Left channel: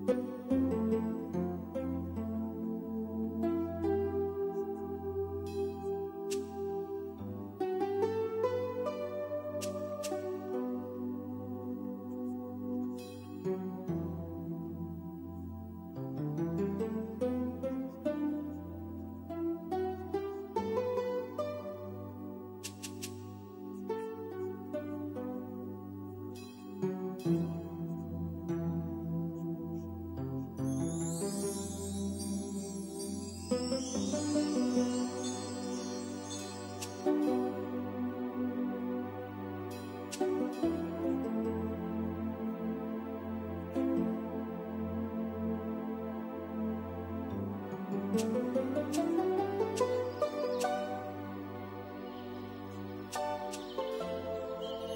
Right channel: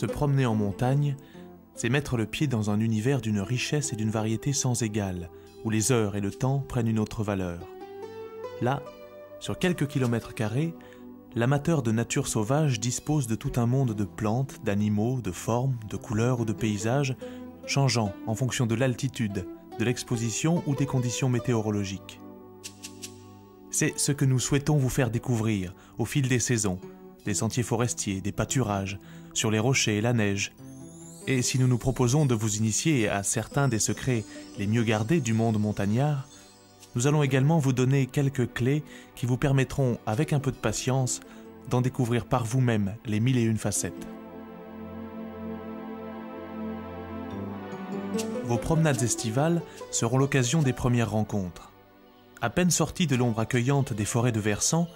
Se promener en montagne, c'est mettre le pied dans un univers d'une richesse et d'une variété sans égale, où les heures et le temps prennent une autre valeur. Là, sur quelques kilomètres carrés, l'amateur de nature sauvage dispose de tout un monde de plantes, d'animaux, de formes, de couleurs ou de paysages, changeant en fonction de l'altitude, de l'exposition ou des conditions météorologiques. C'est ce que nous souhaitons vous faire découvrir au fil des saisons, des sentiers forestiers, des pâturages, sur les rochers et la neige. Et si nous nous proposons de vous initier à certains des secrets les mieux gardés du monde montagnard, nous allons également vous donner quelques clés qui vous permettront, avec un peu de patience, d'en découvrir par vous-même les 1001 facettes. Vos promenades estivales seront l'occasion des premières rencontres. À peine sortis de l'ombre accueillante des forêts de versants,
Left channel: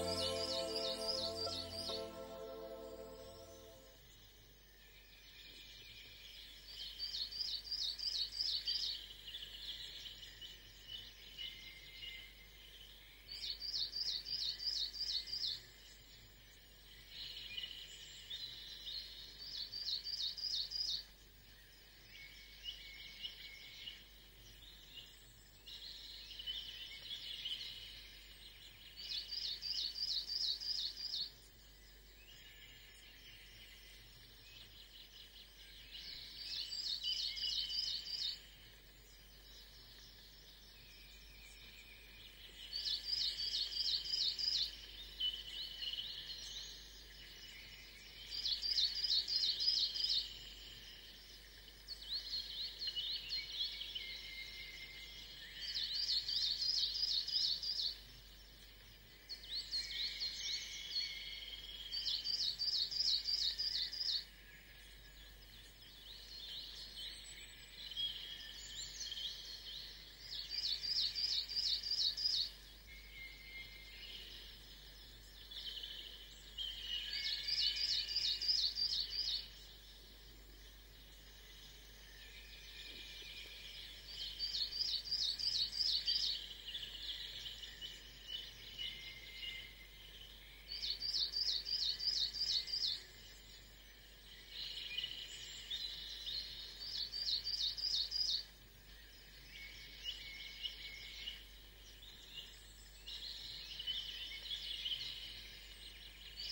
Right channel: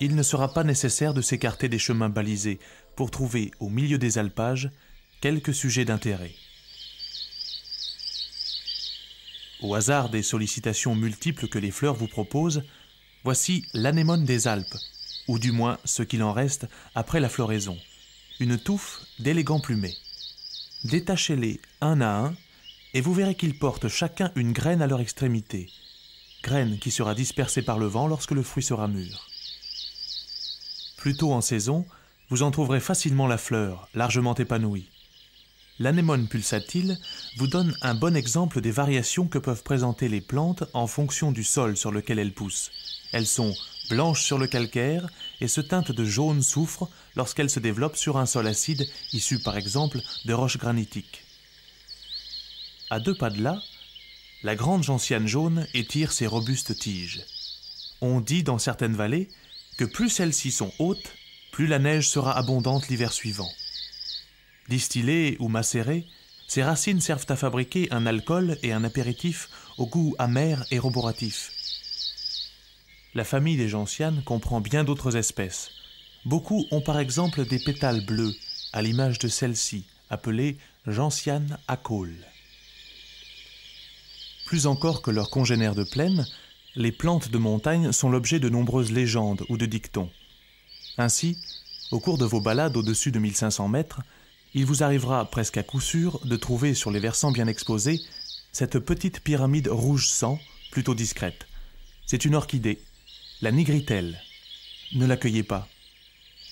il ne sera pas nécessaire de s'écarter des chemins balisés pour trouver, au milieu des alpages, quelques sujets d'intérêt. Au hasard des sollicitations multiples que les fleurs vous proposent, voici l'anémone des Alpes, ou du moins ce qu'il en reste après la floraison, une touffe d'élégants plumets. Détachez-les un à un, et vous verrez qu'ils portent chacun une graine à leur extrémité, graine qui sera dispersée par le vent lorsque le fruit sera mûr. Plus tôt en saison, vous en trouverez facilement la fleur, largement épanouie. L'anémone pulsatile vous donne un bon exemple des variations que peuvent présenter les plantes en fonction du sol sur lequel elles poussent. Elles sont blanches sur le calcaire et se teintent de jaune soufre lorsqu'elles se développent sur un sol acide issu par exemple de roches granitiques. À 2 pas de là, la grande gentiane jaune étire ses robustes tiges. On dit dans certaines vallées que plus celles-ci sont hautes, plus la neige sera abondante l'hiver suivant. Distillées ou macérées, ces racines servent à fabriquer un alcool et un apéritif au goût amer et roboratif. La famille des gentianes comprend bien d'autres espèces. Beaucoup ont par exemple des pétales bleus, à l'image de celle-ci, appelée gentiane à caules. Plus encore que leurs congénères de plaine, les plantes de montagne sont l'objet de nombreuses légendes ou de dictons. Ainsi, au cours de vos balades au-dessus de 1500 mètres, il vous arrivera presque à coup sûr de trouver sur les versants bien exposés cette petite pyramide rouge sang, plutôt discrète. C'est une orchidée, la nigritelle. Ne l'accueillez pas.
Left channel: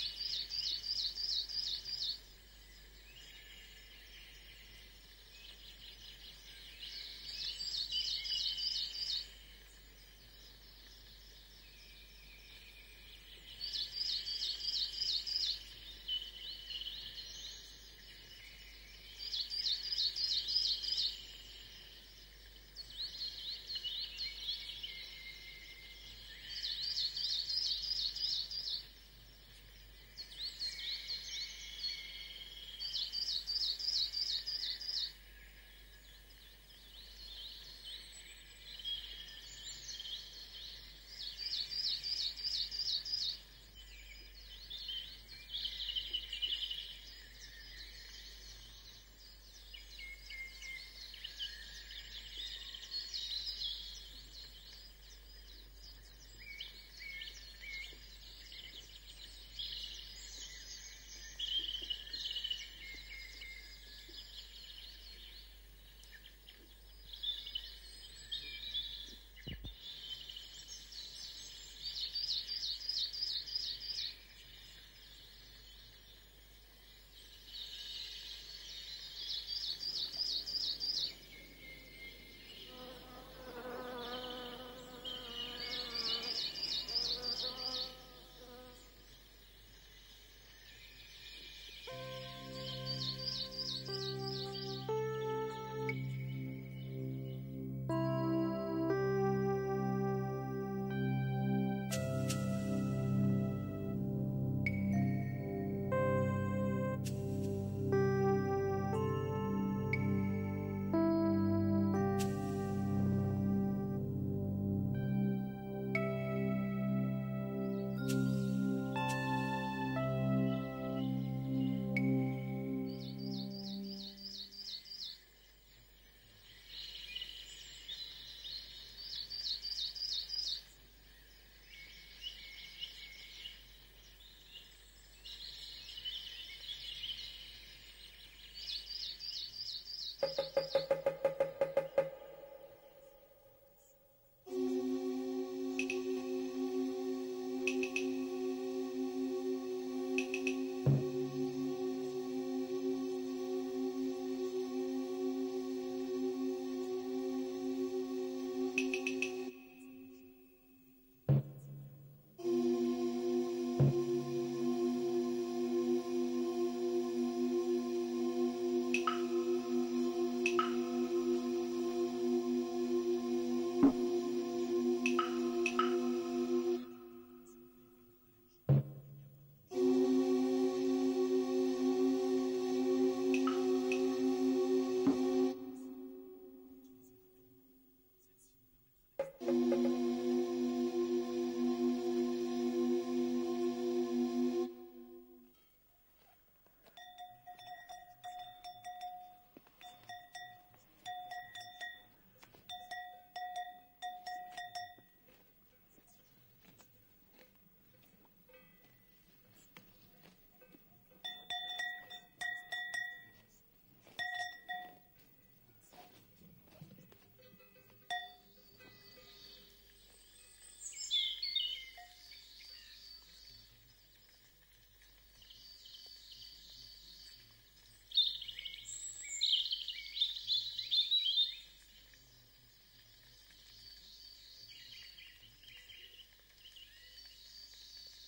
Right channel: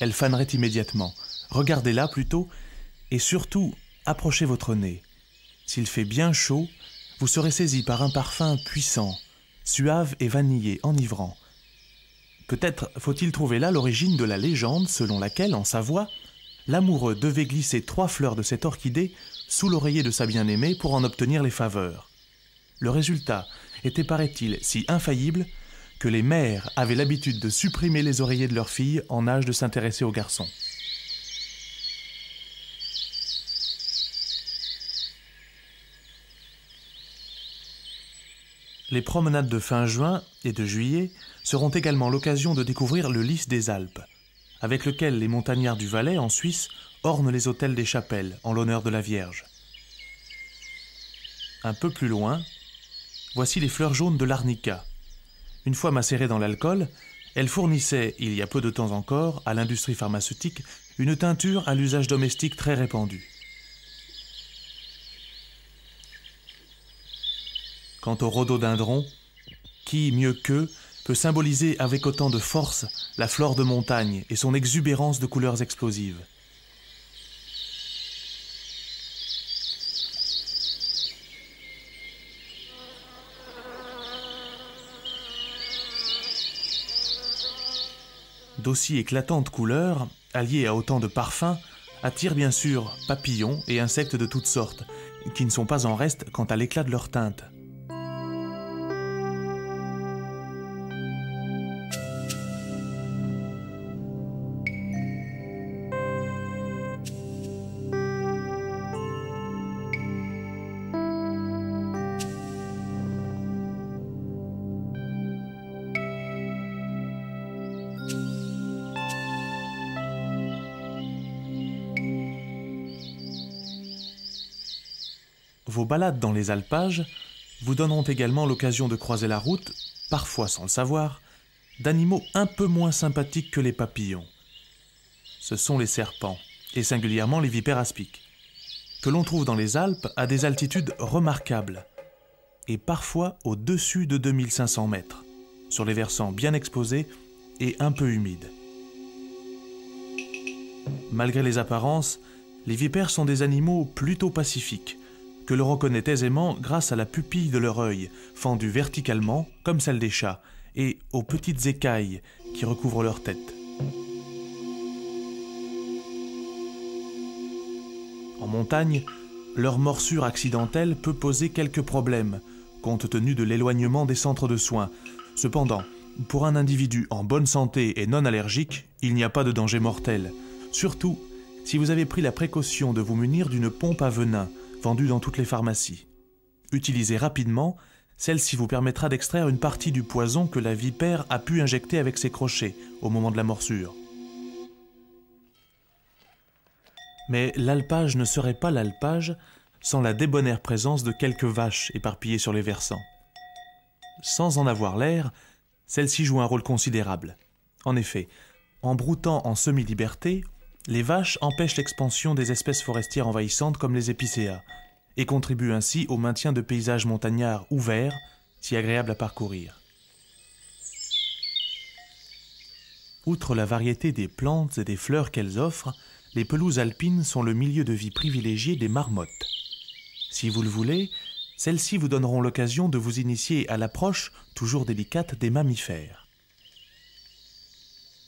Elle fanerait immédiatement. Regardez-la plutôt et surtout approchez votre nez. S'il fait bien chaud, vous serez saisi par un parfum puissant, suave et vanillé, enivrant. Peut-être faut-il trouver là l'origine de la légende selon laquelle, en Savoie, l'amoureux devait glisser 3 fleurs de cette orchidée sous l'oreiller de sa bien-aimée pour en obtenir les faveurs. Le résultat était, paraît-il, si infaillible que les mères avaient l'habitude de supprimer les oreillers de leurs filles en âge de s'intéresser aux garçons. Les promenades de fin juin et de juillet seront également l'occasion de découvrir le lys des Alpes, avec lequel les montagnards du Valais, en Suisse, ornent les autels des chapelles en l'honneur de la Vierge. Un peu plus loin, voici les fleurs jaunes de l'arnica. Une fois macérées dans l'alcool, elles fournissaient, il y a peu de temps encore, à l'industrie pharmaceutique, une teinture à l'usage domestique très répandue. Quant au rhododendron, qui, mieux qu'eux, peut symboliser avec autant de force la flore de montagne et son exubérance de couleurs explosives. D'aussi éclatantes couleurs, alliées à autant de parfums, attirent bien sûr papillons et insectes de toutes sortes, qui ne sont pas en reste quant à l'éclat de leur teinte. Vos balades dans les alpages vous donneront également l'occasion de croiser la route, parfois sans le savoir, d'animaux un peu moins sympathiques que les papillons. Ce sont les serpents, et singulièrement les vipères aspics, que l'on trouve dans les Alpes à des altitudes remarquables, et parfois au-dessus de 2500 mètres, sur les versants bien exposés et un peu humides. Malgré les apparences, les vipères sont des animaux plutôt pacifiques, que l'on reconnaît aisément grâce à la pupille de leur œil, fendue verticalement comme celle des chats, et aux petites écailles qui recouvrent leur tête. En montagne, leur morsure accidentelle peut poser quelques problèmes, compte tenu de l'éloignement des centres de soins. Cependant, pour un individu en bonne santé et non allergique, il n'y a pas de danger mortel. Surtout si vous avez pris la précaution de vous munir d'une pompe à venin vendue dans toutes les pharmacies. Utilisée rapidement, celle-ci vous permettra d'extraire une partie du poison que la vipère a pu injecter avec ses crochets au moment de la morsure. Mais l'alpage ne serait pas l'alpage sans la débonnaire présence de quelques vaches éparpillées sur les versants. Sans en avoir l'air, celle-ci joue un rôle considérable. En effet, en broutant en semi-liberté, les vaches empêchent l'expansion des espèces forestières envahissantes comme les épicéas et contribuent ainsi au maintien de paysages montagnards ouverts, si agréables à parcourir. Outre la variété des plantes et des fleurs qu'elles offrent, les pelouses alpines sont le milieu de vie privilégié des marmottes. Si vous le voulez, celles-ci vous donneront l'occasion de vous initier à l'approche, toujours délicate, des mammifères.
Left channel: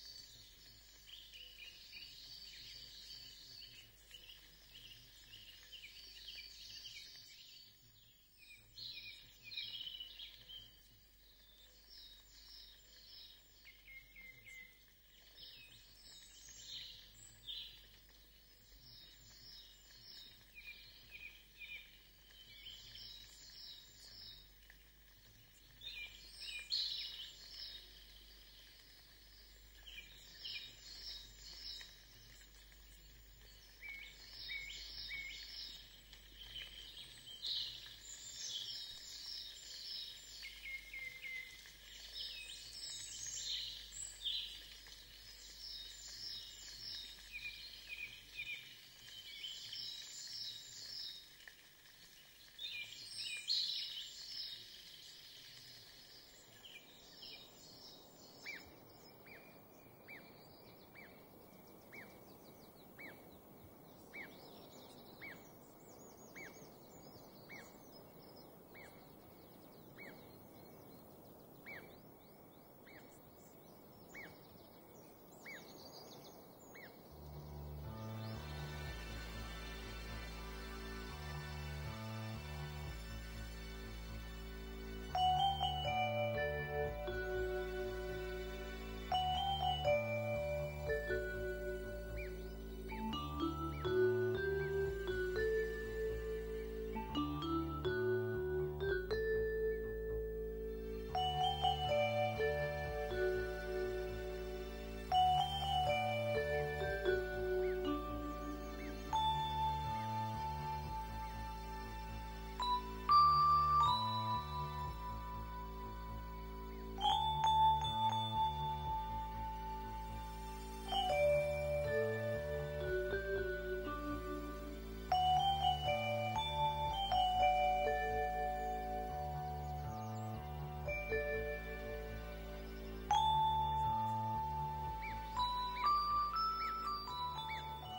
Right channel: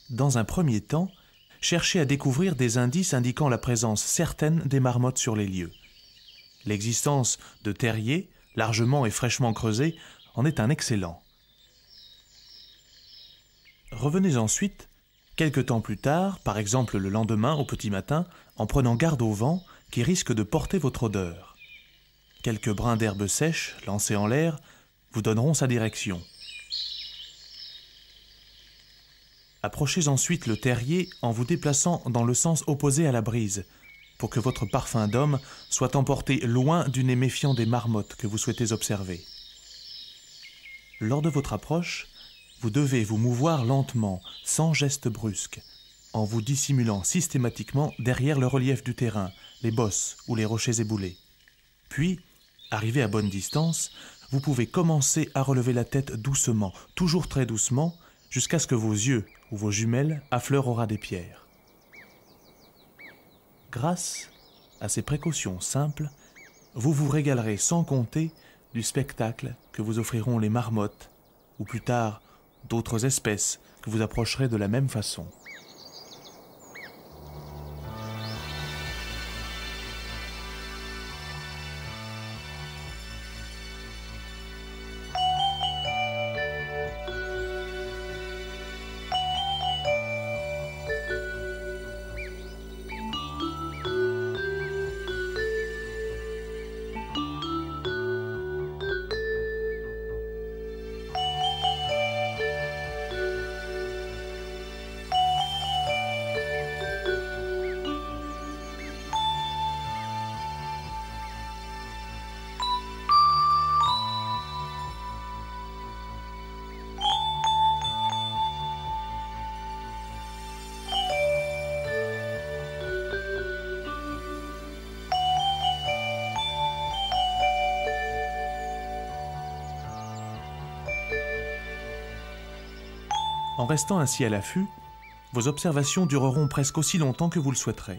Dans un premier temps, cherchez à découvrir des indices indiquant la présence certaine des marmottes sur les lieux. L'existence de terriers, largement et fraîchement creusés, en est un excellent. Revenez ensuite, quelque temps plus tard, par exemple le lendemain au petit matin, en prenant garde au vent qui risque de porter votre odeur. Quelques brins d'herbe sèche, lancés en l'air, vous donneront sa direction. Approchez ensuite le terrier en vous déplaçant dans le sens opposé à la brise, pour que votre parfum d'homme soit emporté loin du nez méfiant des marmottes que vous souhaitez observer. Lors de votre approche, vous devez vous mouvoir lentement, sans geste brusque, en vous dissimulant systématiquement derrière le relief du terrain, les bosses ou les rochers éboulés. Puis, arrivé à bonne distance, vous pouvez commencer à relever la tête doucement, toujours très doucement, jusqu'à ce que vos yeux ou vos jumelles affleurent au ras des pierres. Grâce à ces précautions simples, vous vous régalerez sans compter du spectacle que vous offriront les marmottes, ou plus tard d'autres espèces que vous approcherez de la même façon. En restant ainsi à l'affût, vos observations dureront presque aussi longtemps que vous le souhaiterez,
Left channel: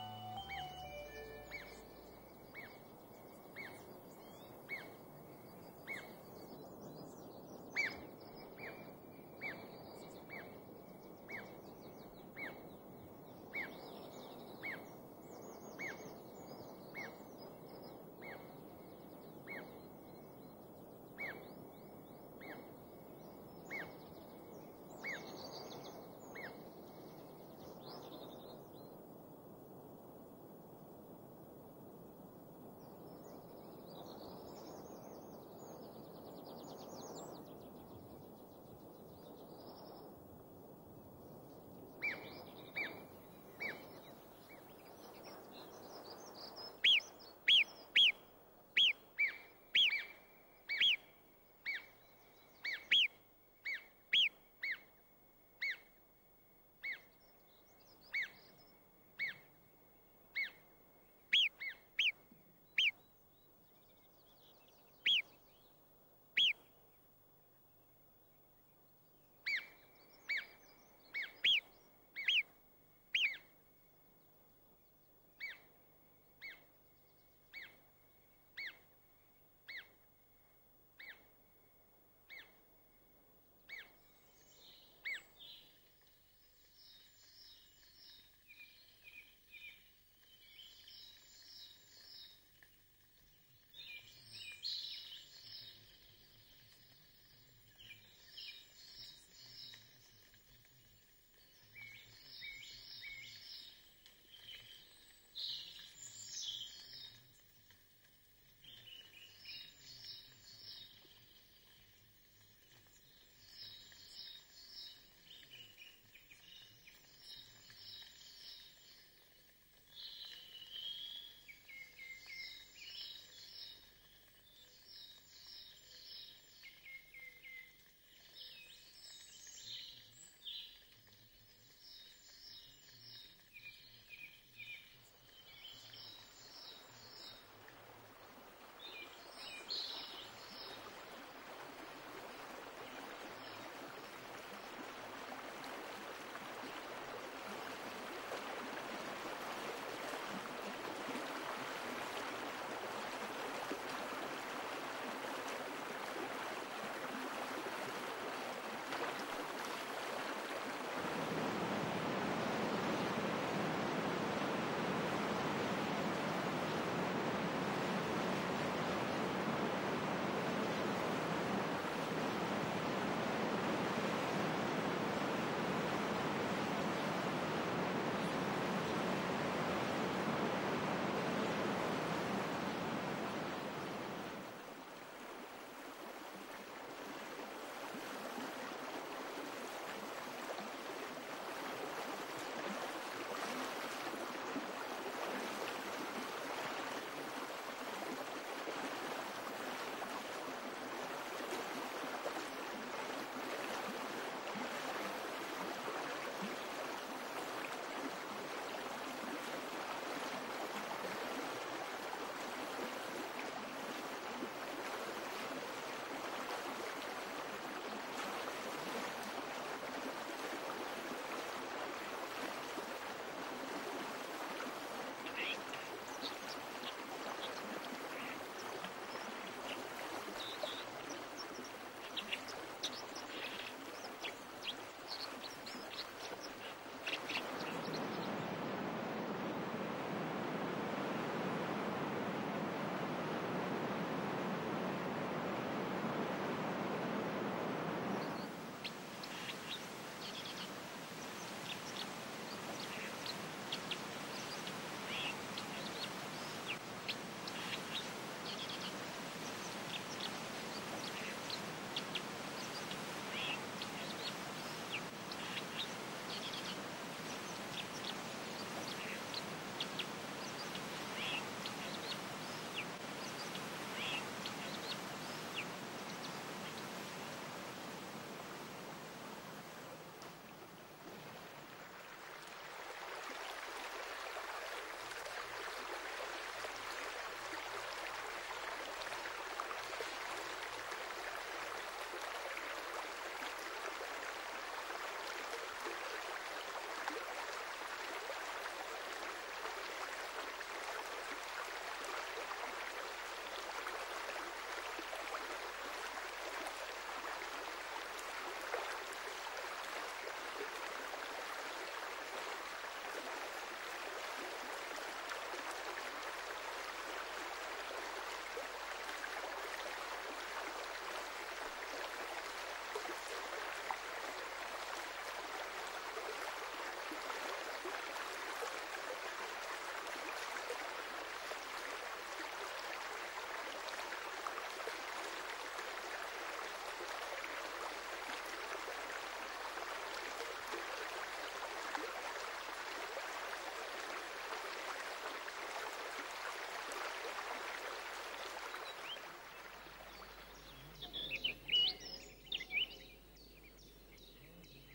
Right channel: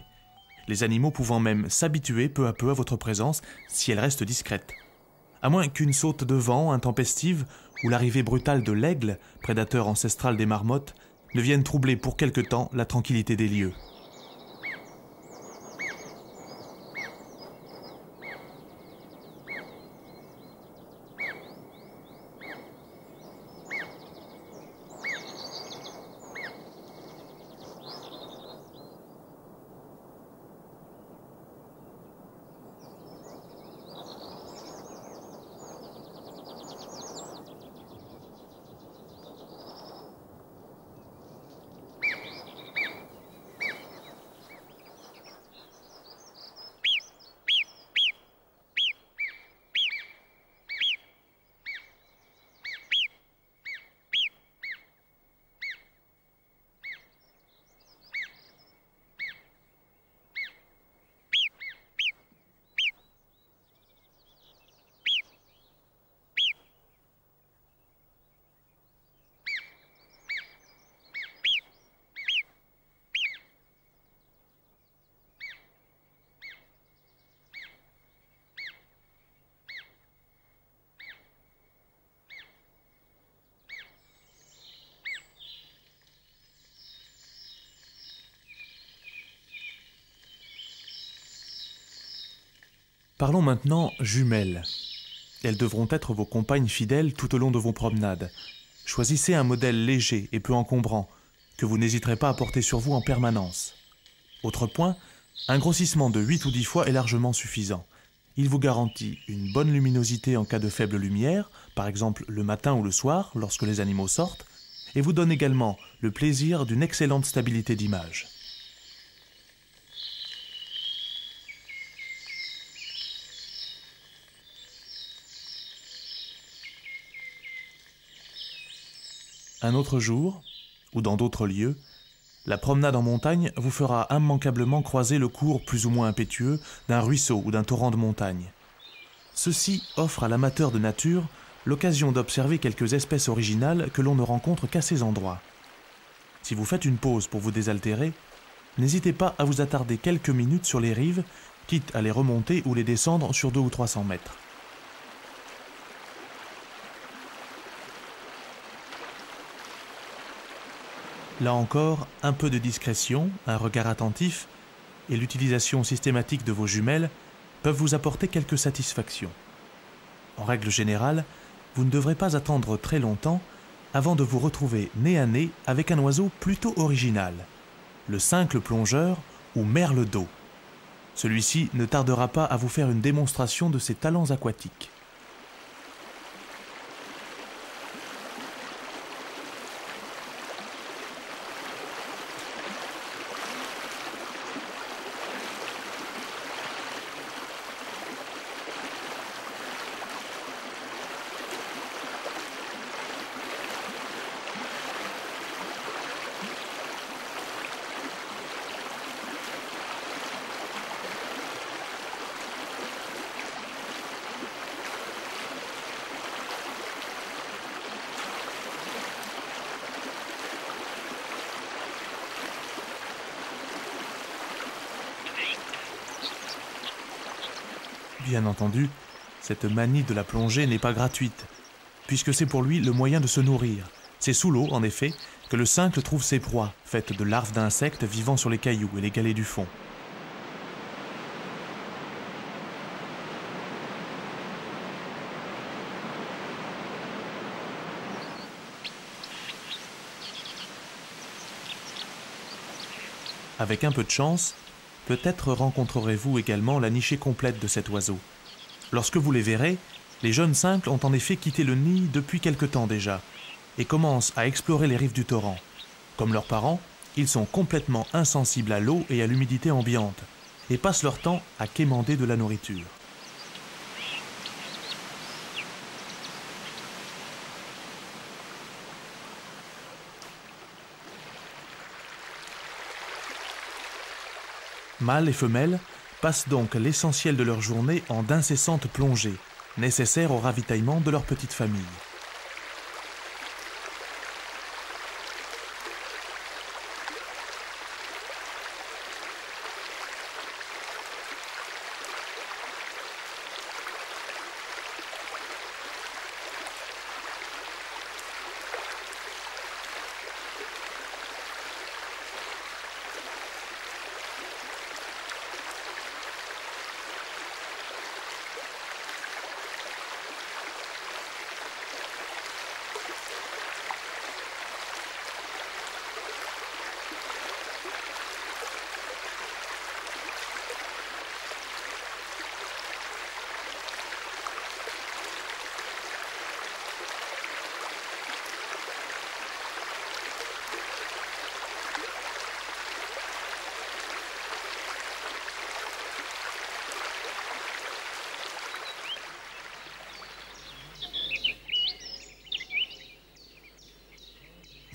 les animaux pouvant même s'habituer peu à peu à votre présence si elle reste discrète. À moins qu'une saute de vent intempestive ou l'arrivée brutale de l'aigle, prédateur ancestral des marmottes, ne vienne troubler pour quelque temps la tranquillité des lieux. Parlons maintenant jumelles. Elles devront être vos compagnes fidèles tout au long de vos promenades. Choisissez un modèle léger et peu encombrant, que vous n'hésiterez pas à porter sur vous en permanence. Autre point, un grossissement de 8 ou 10 fois est largement suffisant. Il vous garantit une bonne luminosité en cas de faible lumière, par exemple le matin ou le soir, lorsque les animaux sortent, et vous donne également le plaisir d'une excellente stabilité d'image. Un autre jour, ou dans d'autres lieux, la promenade en montagne vous fera immanquablement croiser le cours plus ou moins impétueux d'un ruisseau ou d'un torrent de montagne. Ceci offre à l'amateur de nature l'occasion d'observer quelques espèces originales que l'on ne rencontre qu'à ces endroits. Si vous faites une pause pour vous désaltérer, n'hésitez pas à vous attarder quelques minutes sur les rives, quitte à les remonter ou les descendre sur 200 ou 300 mètres. Là encore, un peu de discrétion, un regard attentif et l'utilisation systématique de vos jumelles peuvent vous apporter quelques satisfactions. En règle générale, vous ne devrez pas attendre très longtemps avant de vous retrouver nez à nez avec un oiseau plutôt original, le cincle plongeur ou merle d'eau. Celui-ci ne tardera pas à vous faire une démonstration de ses talents aquatiques. Bien entendu, cette manie de la plongée n'est pas gratuite, puisque c'est pour lui le moyen de se nourrir. C'est sous l'eau, en effet, que le cincle trouve ses proies, faites de larves d'insectes vivant sur les cailloux et les galets du fond. Avec un peu de chance, peut-être rencontrerez-vous également la nichée complète de cet oiseau. Lorsque vous les verrez, les jeunes cincles ont en effet quitté le nid depuis quelque temps déjà et commencent à explorer les rives du torrent. Comme leurs parents, ils sont complètement insensibles à l'eau et à l'humidité ambiante et passent leur temps à quémander de la nourriture. Mâles et femelles passent donc l'essentiel de leur journée en d'incessantes plongées, nécessaires au ravitaillement de leur petite famille.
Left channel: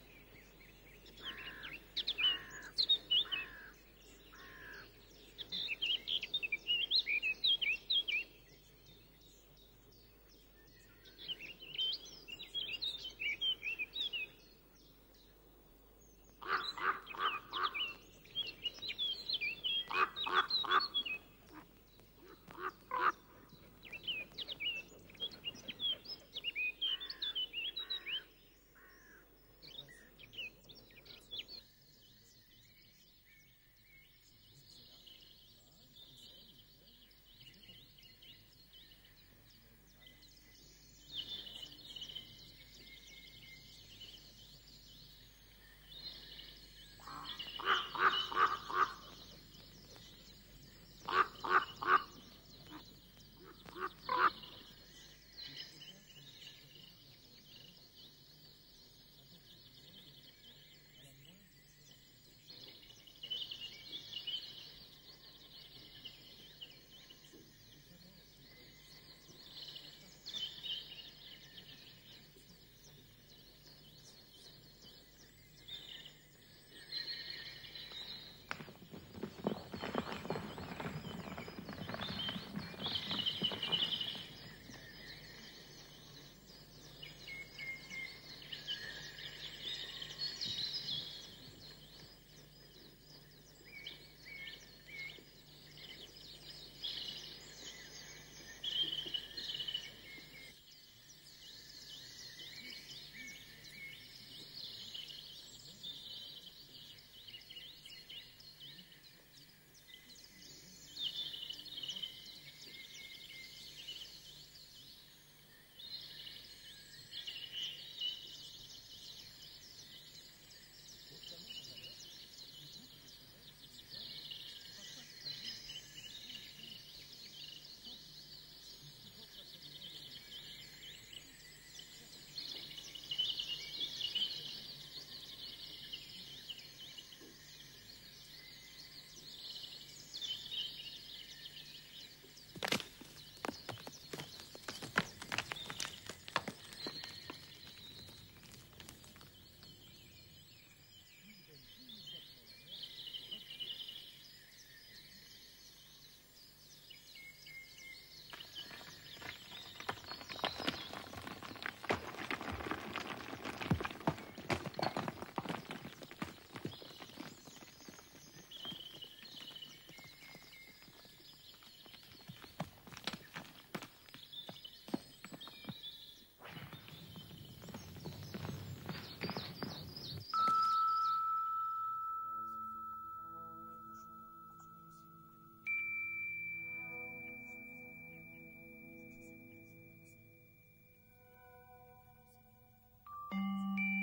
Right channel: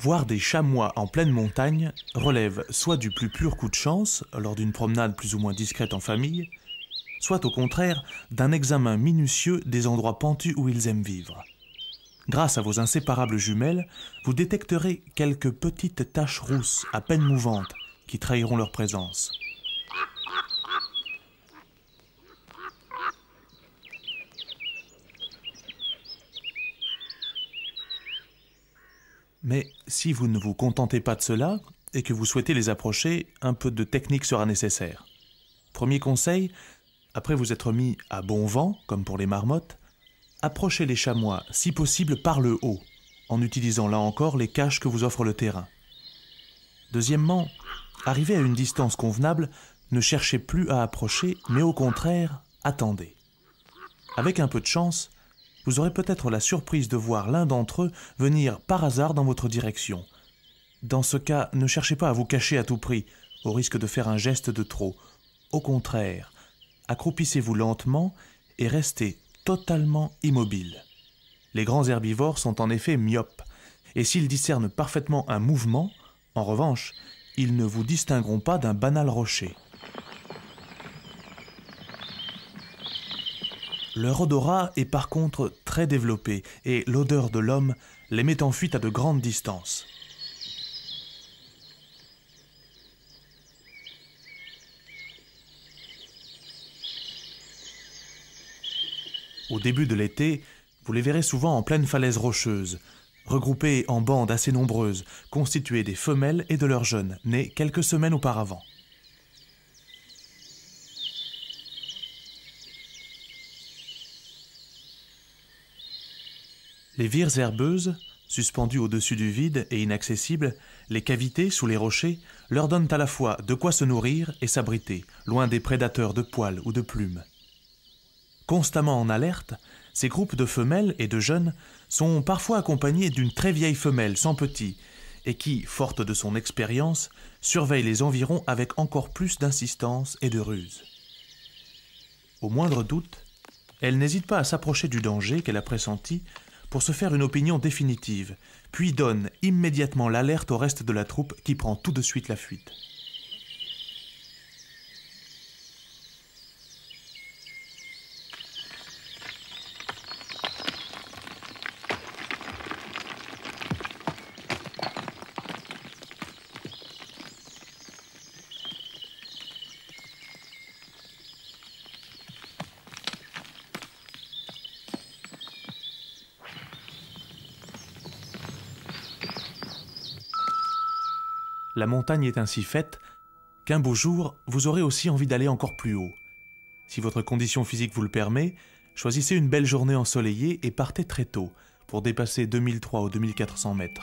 Voir des chamois en pleine montagne relève soit du plus pur coup de chance, lors d'une promenade plus ou moins discrète en famille, soit au contraire d'un examen minutieux des endroits pentus où ils aiment vivre. Grâce à vos inséparables jumelles, vous détecterez quelques petites taches rousses à peine mouvantes qui trahiront leur présence. Mais si vous ne vous contentez pas de cela et que vous souhaitez les approcher, un peu de technique sera nécessaire. Premier conseil, Après vous être mis à bon vent, comme pour les marmottes, approchez les chamois, si possible par le haut, en utilisant là encore les caches que vous offre le terrain. Deuxièmement, arrivé à une distance convenable, ne cherchez plus à approcher, mais au contraire, attendez. Avec un peu de chance, vous aurez peut-être la surprise de voir l'un d'entre eux venir par hasard dans votre direction. Dans ce cas, ne cherchez pas à vous cacher à tout prix, au risque de faire un geste de trop. Au contraire, accroupissez-vous lentement et restez totalement immobile. Les grands herbivores sont en effet myopes, et s'ils discernent parfaitement un mouvement, en revanche, ils ne vous distingueront pas d'un banal rocher. Leur odorat est par contre très développé et l'odeur de l'homme les met en fuite à de grandes distances. Au début de l'été, vous les verrez souvent en pleine falaise rocheuse, regroupés en bandes assez nombreuses, constituées des femelles et de leurs jeunes, nés quelques semaines auparavant. Les vires herbeuses, suspendues au-dessus du vide et inaccessibles, les cavités sous les rochers, leur donnent à la fois de quoi se nourrir et s'abriter, loin des prédateurs de poils ou de plumes. Constamment en alerte, ces groupes de femelles et de jeunes sont parfois accompagnés d'une très vieille femelle sans petits et qui, forte de son expérience, surveille les environs avec encore plus d'insistance et de ruse. Au moindre doute, elle n'hésite pas à s'approcher du danger qu'elle a pressenti pour se faire une opinion définitive, puis donne immédiatement l'alerte au reste de la troupe qui prend tout de suite la fuite. La montagne est ainsi faite qu'un beau jour, vous aurez aussi envie d'aller encore plus haut. Si votre condition physique vous le permet, choisissez une belle journée ensoleillée et partez très tôt pour dépasser 2003 ou 2400 mètres.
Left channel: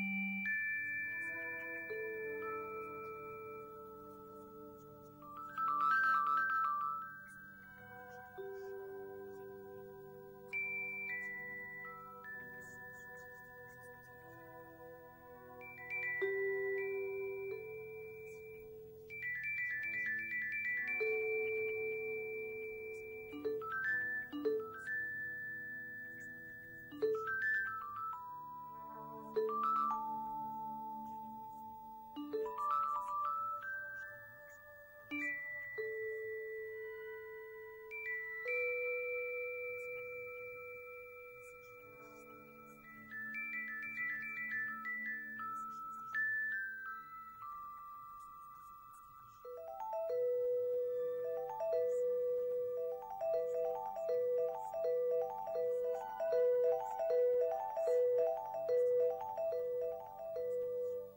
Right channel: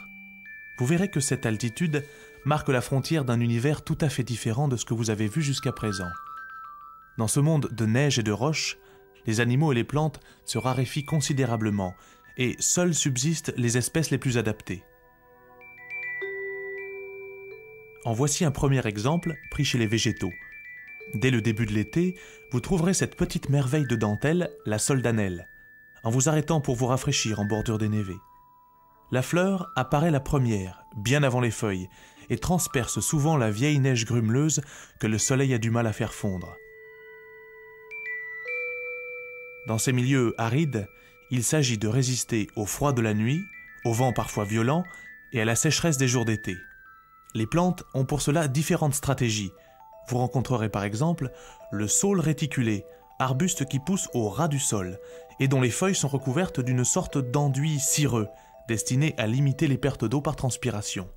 Vous verrez que cette altitude marque la frontière d'un univers tout à fait différent de ce que vous avez vu jusqu'à présent. Dans ce monde de neige et de roches, les animaux et les plantes se raréfient considérablement et seules subsistent les espèces les plus adaptées. En voici un premier exemple pris chez les végétaux. Dès le début de l'été, vous trouverez cette petite merveille de dentelle, la soldanelle, en vous arrêtant pour vous rafraîchir en bordure dénévée. La fleur apparaît la première, bien avant les feuilles, et transperce souvent la vieille neige grumeleuse que le soleil a du mal à faire fondre. Dans ces milieux arides, il s'agit de résister au froid de la nuit, au vent parfois violent et à la sécheresse des jours d'été. Les plantes ont pour cela différentes stratégies. Vous rencontrerez par exemple le saule réticulé, arbuste qui pousse au ras du sol et dont les feuilles sont recouvertes d'une sorte d'enduit cireux, destiné à limiter les pertes d'eau par transpiration.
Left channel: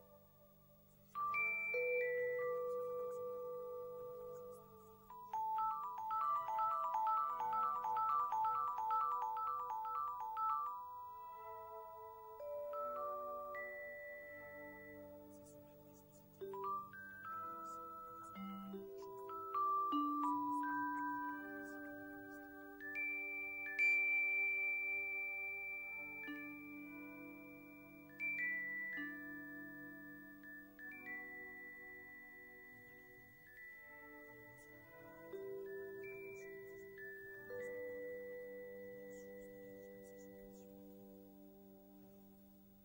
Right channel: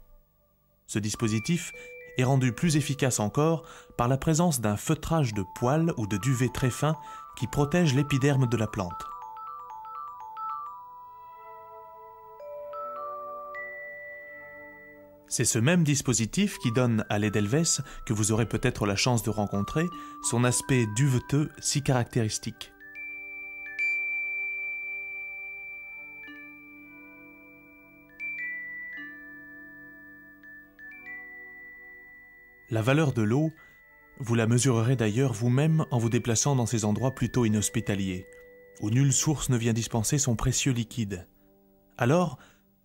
Ce dispositif est rendu plus efficace encore par la présence d'un feutrage de poils ou de duvet très fin qui protège l'épiderme de la plante. C'est ce même dispositif qui donne à l'Edelweiss, que vous aurez peut-être la chance de rencontrer, son aspect duveteux si caractéristique. La valeur de l'eau, vous la mesurerez d'ailleurs vous-même en vous déplaçant dans ces endroits plutôt inhospitaliers, où nulle source ne vient dispenser son précieux liquide. Alors,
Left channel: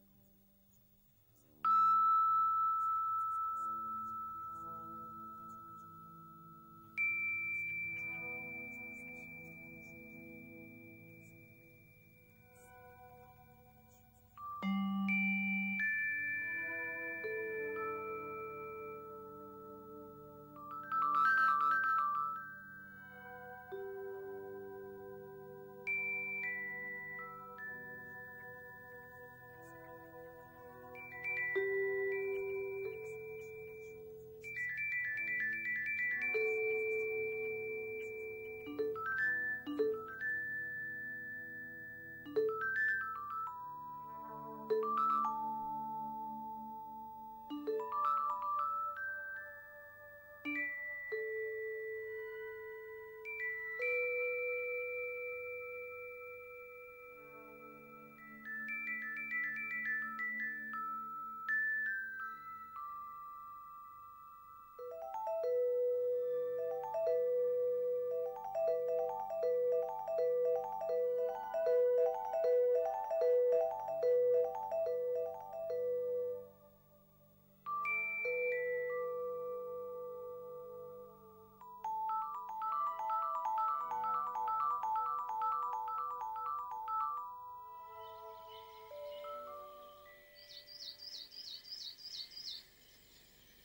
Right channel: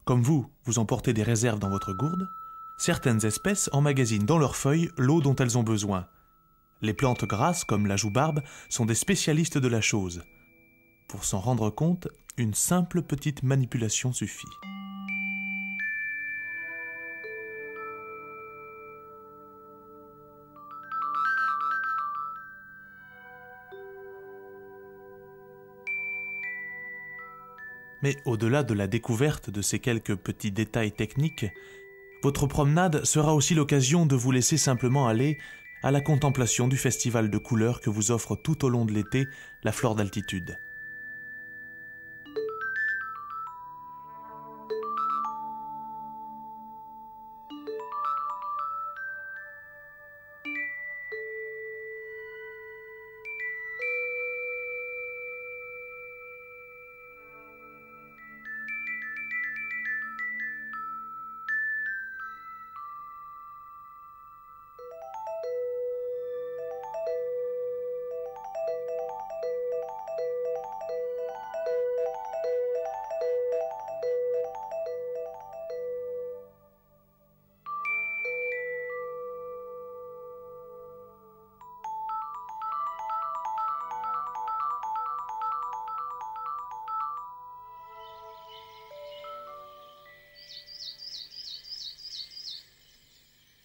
comme vous emportez des réserves dans votre gourde, certaines espèces emmagasinent dans leurs feuilles l'eau dont elles ont besoin. Les plantes grasses, comme la joubarbe, sont des spécialistes de la chose. Pour s'en rendre compte, une simple petite manipulation suffit. Mais au-delà de la découverte de ces quelques petits détails techniques, votre promenade sera aussi l'occasion de vous laisser simplement aller à la contemplation du festival de couleurs que vous offre tout au long de l'été la flore d'altitude.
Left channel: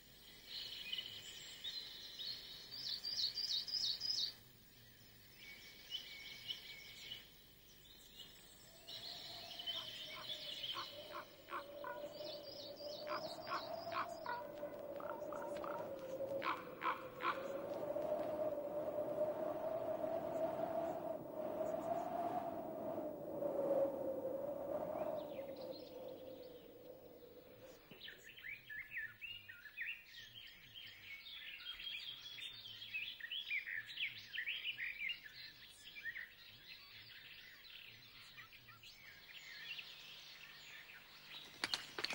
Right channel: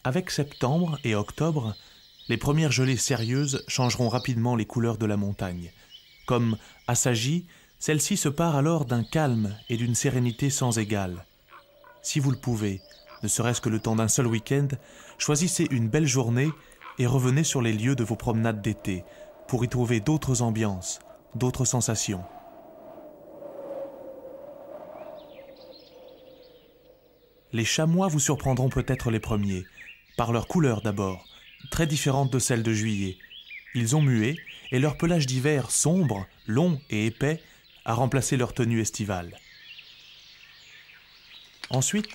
Avec septembre et octobre, les premières gelées sérieuses changeront rapidement les couleurs de la montagne. Comme assagie, celle-ci se part alors d'un calme et d'une sérénité sans égale. Si vous le pouvez, ne serait-ce que le temps d'un seul week-end, choisissez une belle journée et revenez sur les lieux de vos promenades d'été pour y trouver d'autres ambiances, d'autres sensations. Les chamois vous surprendront peut-être les premiers, par leur couleur d'abord, très différente de celle de juillet. Ils ont mué et leur pelage d'hiver sombre, long et épais a remplacé leur tenue estivale. Ensuite,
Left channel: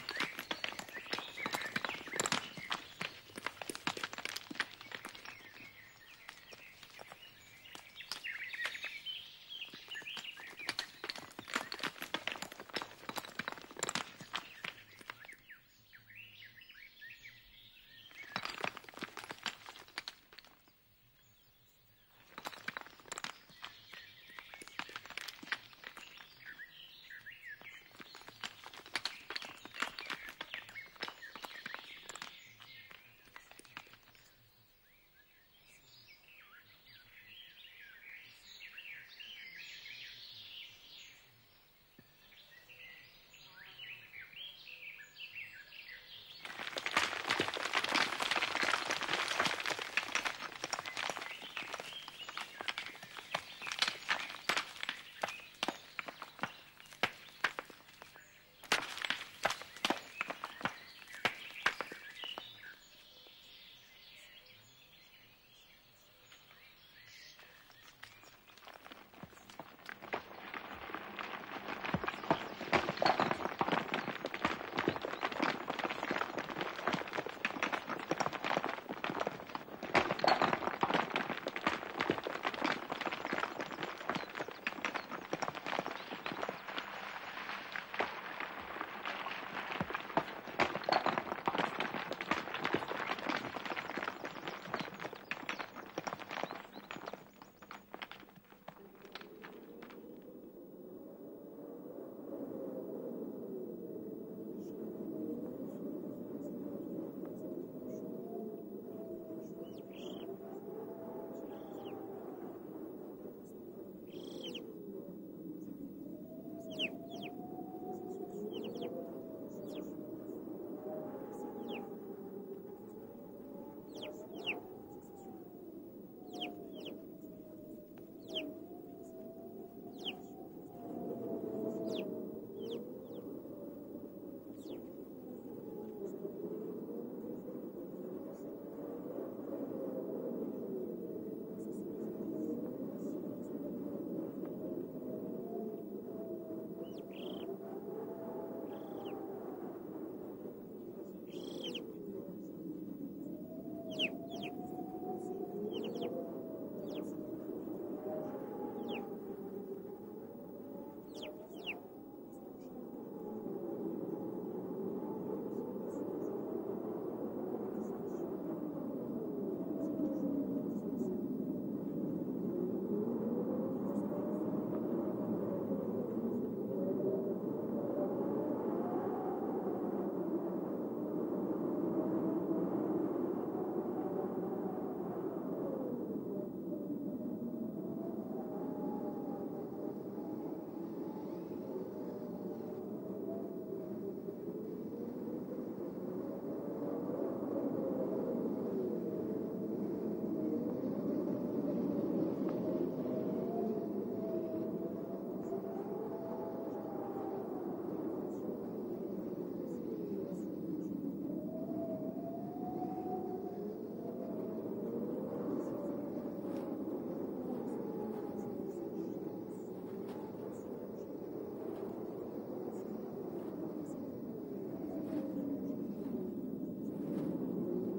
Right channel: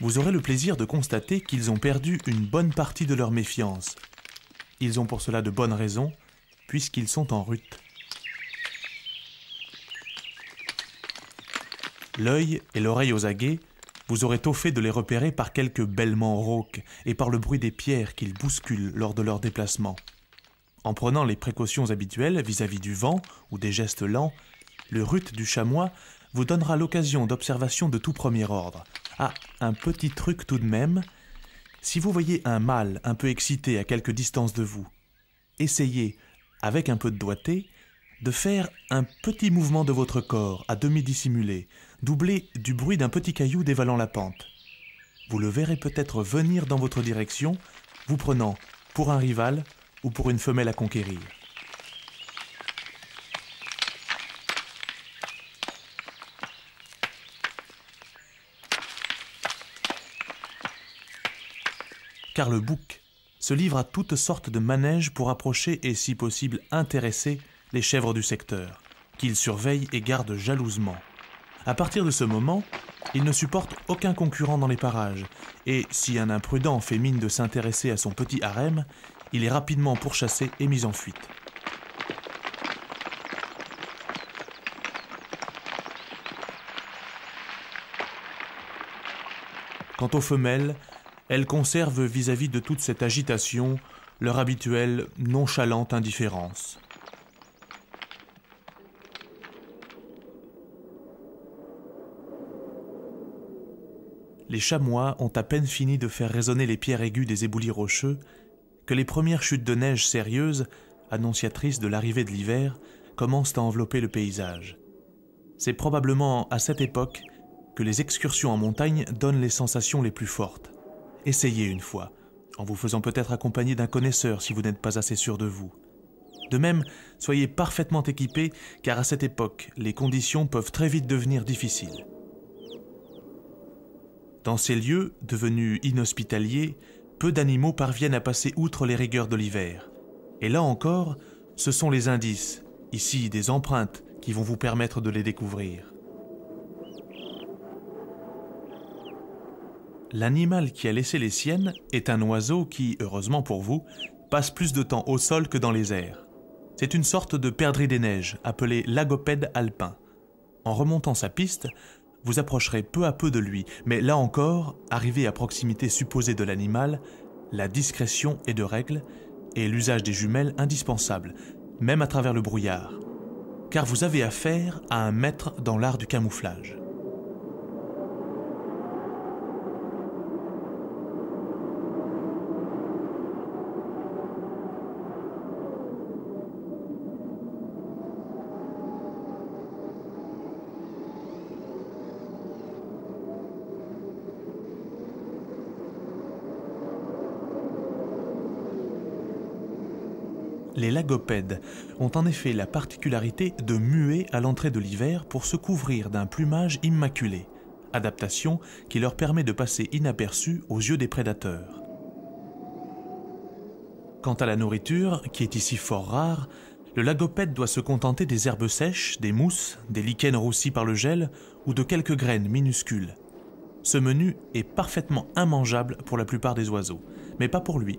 vous aurez le plaisir de constater qu'ils ont perdu une bonne partie de leur méfiance. Ils ont pour cela de bonnes raisons, puisqu'ils sont en rut. L'œil et l'oreille aux aguets, vous aurez tôt fait de les repérer par quelques bêlements rauques et par le bruit des pierres qu'ils bousculent lors de leur déplacement. En prenant les précautions habituelles vis-à-vis du vent ou des gestes lents, le rut du chamois vous donnera l'occasion d'observations de tout premier ordre. Ah, un petit truc tout de même, si vous voyez un mâle un peu excité à quelque distance de vous, essayez, avec un peu de doigté, de faire un petit mouvement de votre corps à demi dissimulé, doublé du bruit d'un petit caillou dévalant la pente. Vous le verrez peut-être venir dans votre direction, vous prenant pour un rival ou pour une femelle à conquérir. Car le bouc se livre à toutes sortes de manèges pour approcher et, si possible, intéresser les chèvres du secteur, qu'il surveille et garde jalousement. À partir de ce moment, il ne supporte aucun concurrent dans les parages, et si un imprudent fait mine de s'intéresser à son petit harem, il est rapidement pourchassé et mis en fuite. Quant aux femelles, elles conservent vis-à-vis de toute cette agitation leur habituelle nonchalante indifférence. Les chamois ont à peine fini de faire résonner les pierres aiguës des éboulis rocheux que les premières chutes de neige sérieuses, annonciatrices de l'arrivée de l'hiver, commencent à envelopper le paysage. C'est probablement à cette époque que les excursions en montagne donnent les sensations les plus fortes. Essayez une fois, en vous faisant peut-être accompagner d'un connaisseur si vous n'êtes pas assez sûr de vous. De même, soyez parfaitement équipés, car à cette époque, les conditions peuvent très vite devenir difficiles. Dans ces lieux, devenus inhospitaliers, peu d'animaux parviennent à passer outre les rigueurs de l'hiver. Et là encore, ce sont les indices, ici des empreintes, qui vont vous permettre de les découvrir. L'animal qui a laissé les siennes est un oiseau qui, heureusement pour vous, passe plus de temps au sol que dans les airs. C'est une sorte de perdrix des neiges, appelé lagopède alpin. En remontant sa piste, vous approcherez peu à peu de lui, mais là encore, arrivé à proximité supposée de l'animal, la discrétion est de règle et l'usage des jumelles indispensable, même à travers le brouillard, car vous avez affaire à un maître dans l'art du camouflage. Les lagopèdes ont en effet la particularité de muer à l'entrée de l'hiver pour se couvrir d'un plumage immaculé, adaptation qui leur permet de passer inaperçus aux yeux des prédateurs. Quant à la nourriture, qui est ici fort rare, le lagopède doit se contenter des herbes sèches, des mousses, des lichens roussis par le gel ou de quelques graines minuscules. Ce menu est parfaitement immangeable pour la plupart des oiseaux, mais pas pour lui.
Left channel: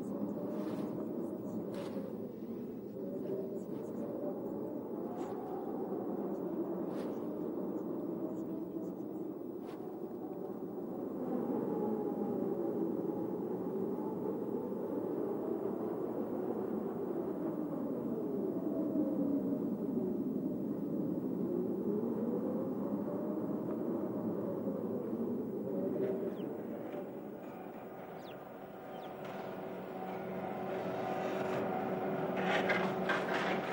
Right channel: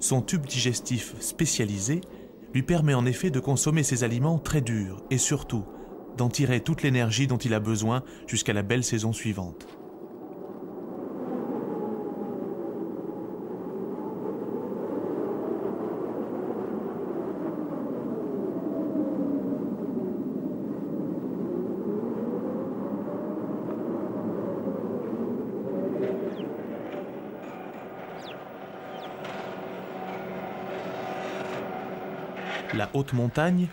Son tube digestif spécialisé lui permet en effet de consommer ces aliments très durs et surtout d'en tirer toute l'énergie dont il a besoin jusqu'à la belle saison suivante. La haute montagne,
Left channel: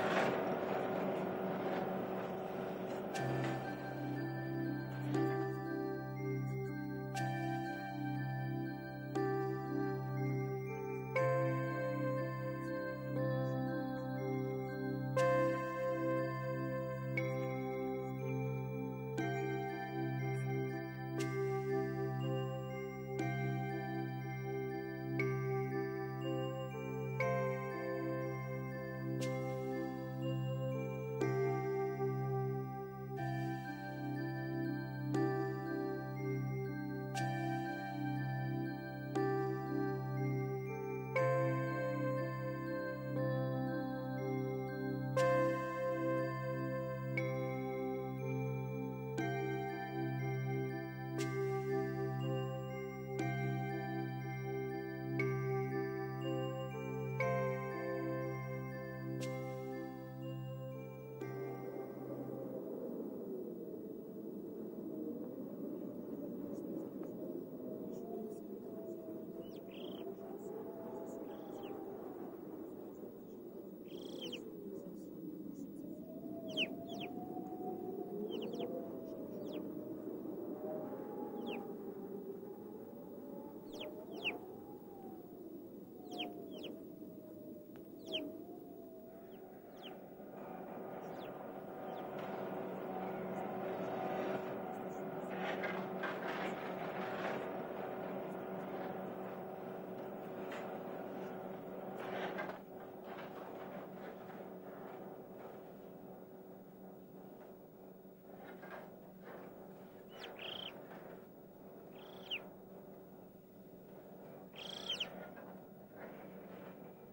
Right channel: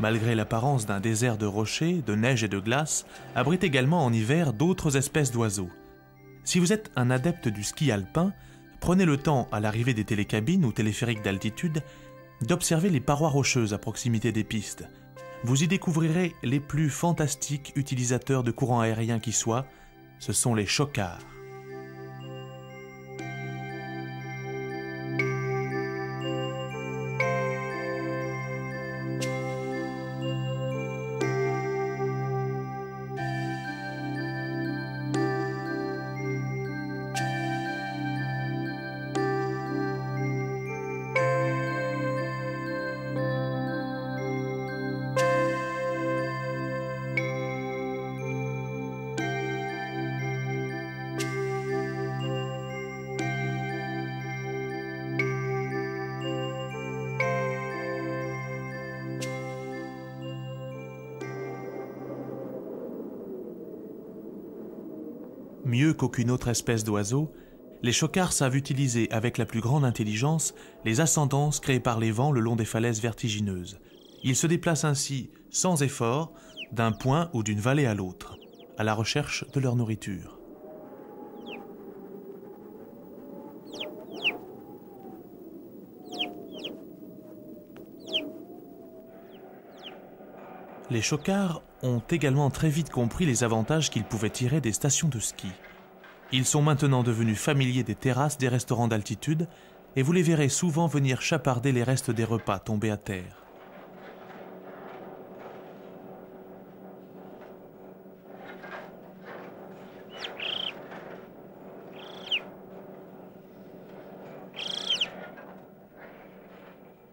malgré l'apparence d'un désert de rochers, de neige et de glace, abrite également en hiver d'autres espèces d'oiseaux. Si vous êtes un adepte du ski alpin, prenez le temps, à l'arrivée des télécabines ou téléphériques d'altitude, d'observer les parois rocheuses à proximité des pistes. Vous y découvrirez les plus fantastiques utilisateurs de courants aériens qui soient, ce sont les chocards. Mieux qu'aucune autre espèce d'oiseau, les chocards savent utiliser avec la plus grande intelligence les ascendances créées par les vents le long des falaises vertigineuses. Ils se déplacent ainsi, sans effort, d'un point ou d'une vallée à l'autre, à la recherche de leur nourriture. Les chocards ont également très vite compris les avantages qu'ils pouvaient tirer des stations de ski. Ils sont maintenant devenus familiers des terrasses des restaurants d'altitude et vous les verrez souvent venir chaparder les restes des repas tombés à terre.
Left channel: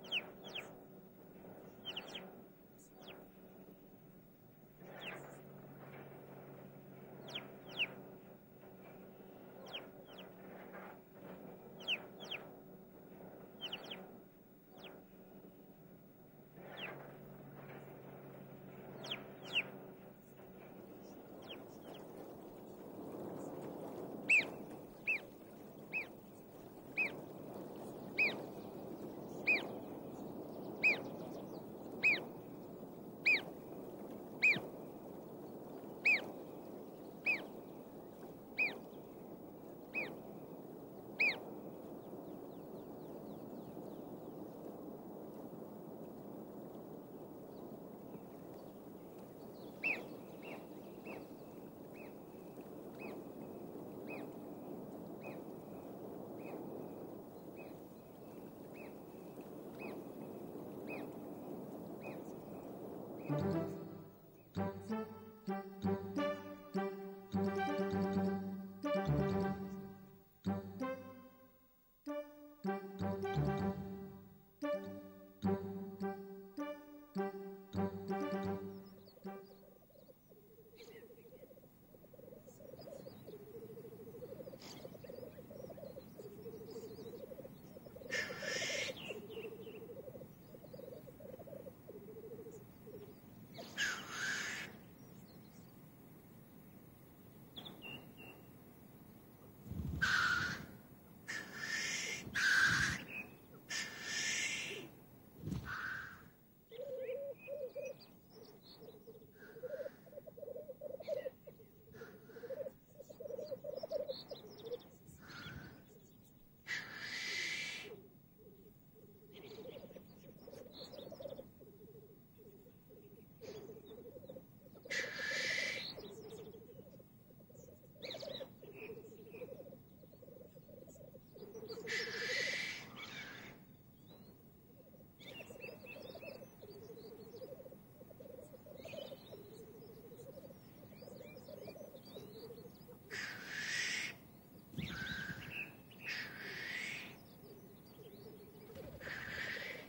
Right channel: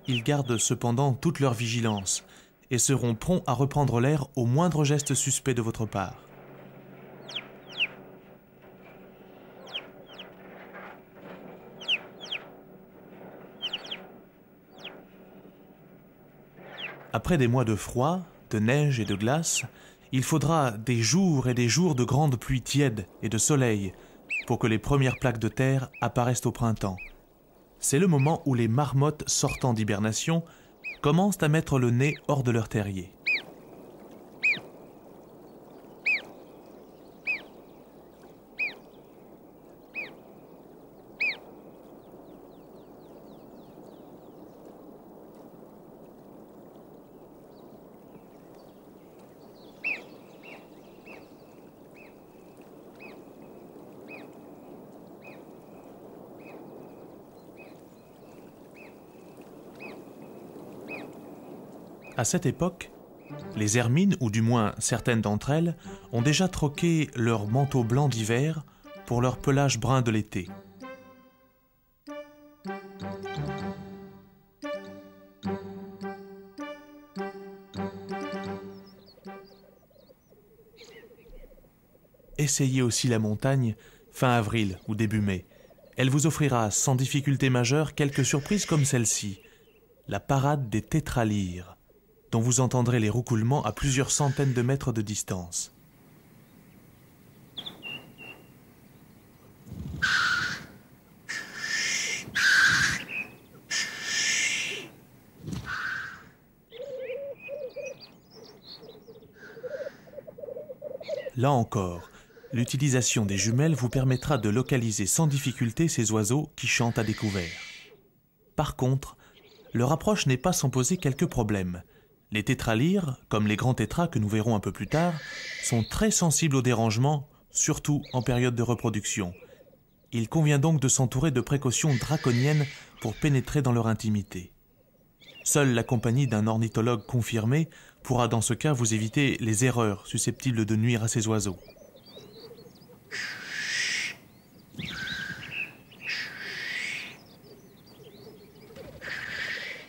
Ils gardent cependant toute leur vigilance et seront prompts à reprendre l'air au moindre geste suspect de votre part. Après des mois de froid, de neige et de glace, il faudra des jours et des jours de grandes pluies tièdes et de soleil pour que les premières plaques de terre apparaissent au printemps. C'est le moment où les marmottes sortant d'hibernation commencent à mettre le nez hors de leur terrier. À cette époque, les hermines, ou du moins certaines d'entre elles, ont déjà troqué leur manteau blanc d'hiver pour leur pelage brun de l'été. Essayez aussi la montagne fin avril ou début mai. Elle vous offrira sans difficulté majeure quelques surprises comme celle-ci, la parade des tétralyres, dont vous entendrez les roucoulements à plusieurs centaines de mètres de distance. Là encore, l'utilisation des jumelles vous permettra de localiser sans difficulté ces oiseaux qui chantent à découvert. Par contre, leur approche n'est pas sans poser quelques problèmes. Les tétralyres, comme les grands tétras que nous verrons un peu plus tard, sont très sensibles aux dérangements, surtout en période de reproduction. Il convient donc de s'entourer de précautions draconiennes pour pénétrer dans leur intimité. Seule la compagnie d'un ornithologue confirmé pourra dans ce cas vous éviter les erreurs susceptibles de nuire à ces oiseaux.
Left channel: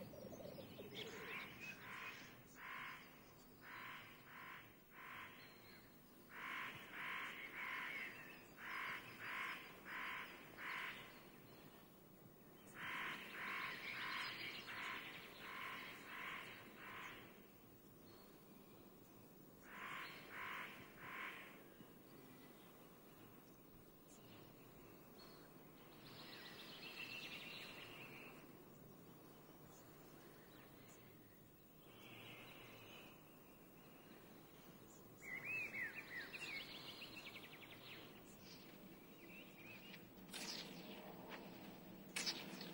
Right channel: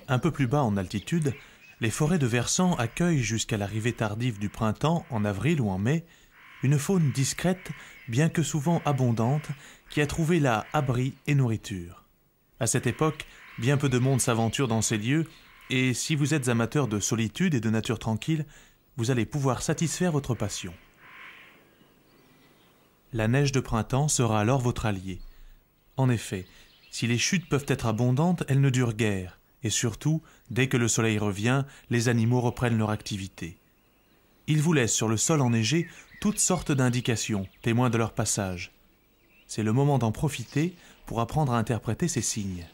Un peu plus bas en altitude, les forêts de versants accueillent jusqu'à l'arrivée tardive du printemps, en avril ou en mai, une faune discrète, bien que souvent abondante, qui a trouvé là abri et nourriture. À cette époque, bien peu de monde s'aventure dans ces lieux, et si vous êtes amateur de solitude et de nature tranquille, vous allez pouvoir satisfaire votre passion. La neige de printemps sera alors votre allié. En effet, si les chutes peuvent être abondantes, elles ne durent guère, et surtout, dès que le soleil revient, les animaux reprennent leur activité. Ils vous laissent sur le sol enneigé toutes sortes d'indications, témoins de leur passage. C'est le moment d'en profiter pour apprendre à interpréter ces signes.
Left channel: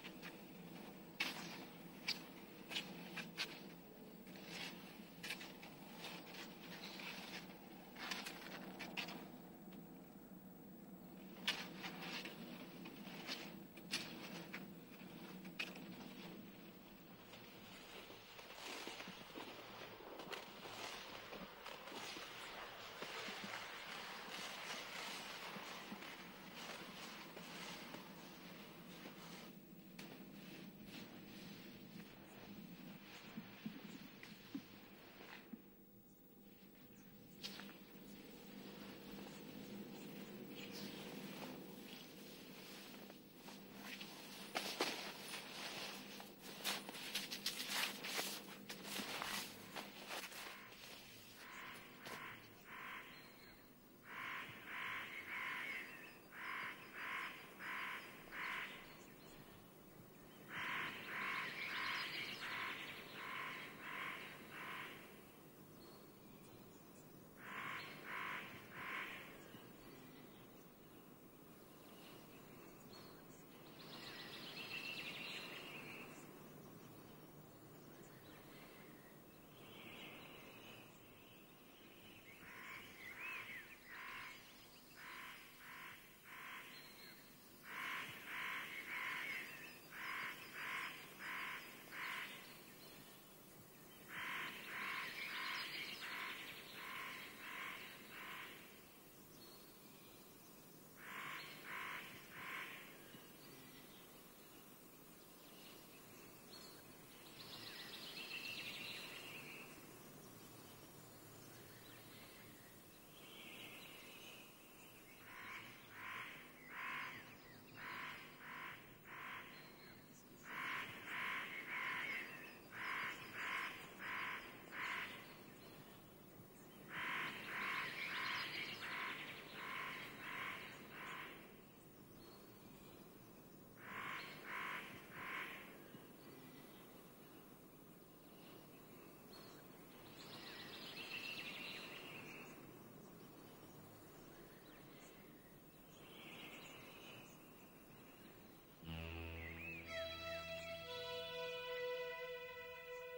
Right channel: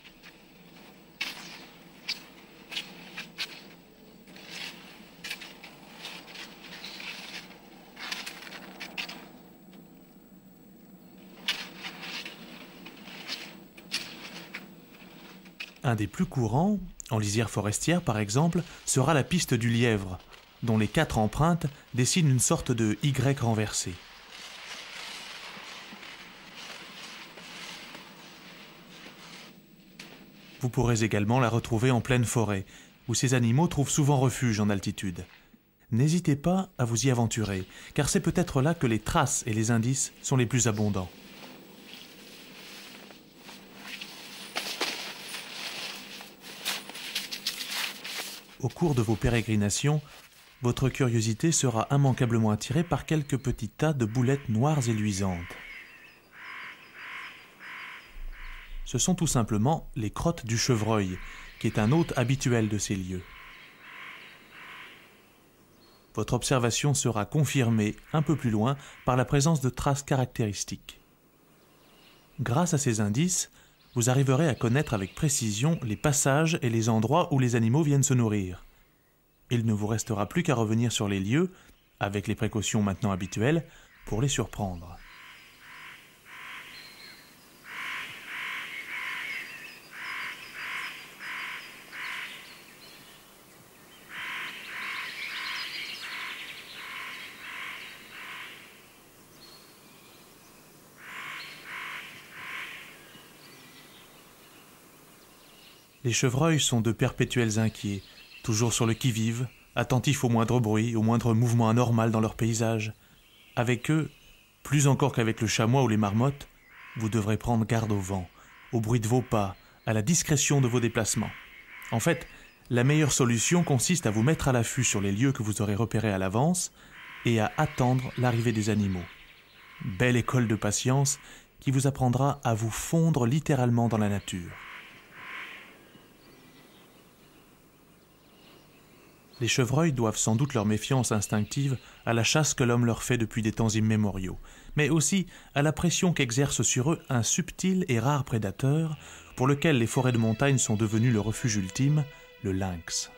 Un des plus courants, en lisière forestière par exemple, sera la piste du lièvre, dont les 4 empreintes dessinent une sorte de Y renversé. Vous pourrez également la retrouver en pleine forêt, où ces animaux trouvent souvent refuge en altitude. N'hésitez pas à vous y aventurer, car c'est peut-être là que les traces et les indices sont les plus abondants. Au cours de vos pérégrinations, votre curiosité sera immanquablement attirée par quelques petits tas de boulettes noires et luisantes. Ce sont tout simplement les crottes du chevreuil, qui est un hôte habituel de ces lieux. Votre observation sera confirmée un peu plus loin par la présence de traces caractéristiques. Grâce à ces indices, vous arriverez à connaître avec précision les passages et les endroits où les animaux viennent se nourrir. Il ne vous restera plus qu'à revenir sur les lieux, avec les précautions maintenant habituelles, pour les surprendre. Les chevreuils sont de perpétuels inquiets, toujours sur le qui-vive, attentifs au moindre bruit, au moindre mouvement anormal dans leur paysage. Avec eux, plus encore qu'avec le chamois ou les marmottes, vous devrez prendre garde au vent, au bruit de vos pas, à la discrétion de vos déplacements. En fait, la meilleure solution consiste à vous mettre à l'affût sur les lieux que vous aurez repérés à l'avance et à attendre l'arrivée des animaux. Belle école de patience qui vous apprendra à vous fondre littéralement dans la nature. Les chevreuils doivent sans doute leur méfiance instinctive à la chasse que l'homme leur fait depuis des temps immémoriaux, mais aussi à la pression qu'exerce sur eux un subtil et rare prédateur pour lequel les forêts de montagne sont devenues le refuge ultime, le lynx.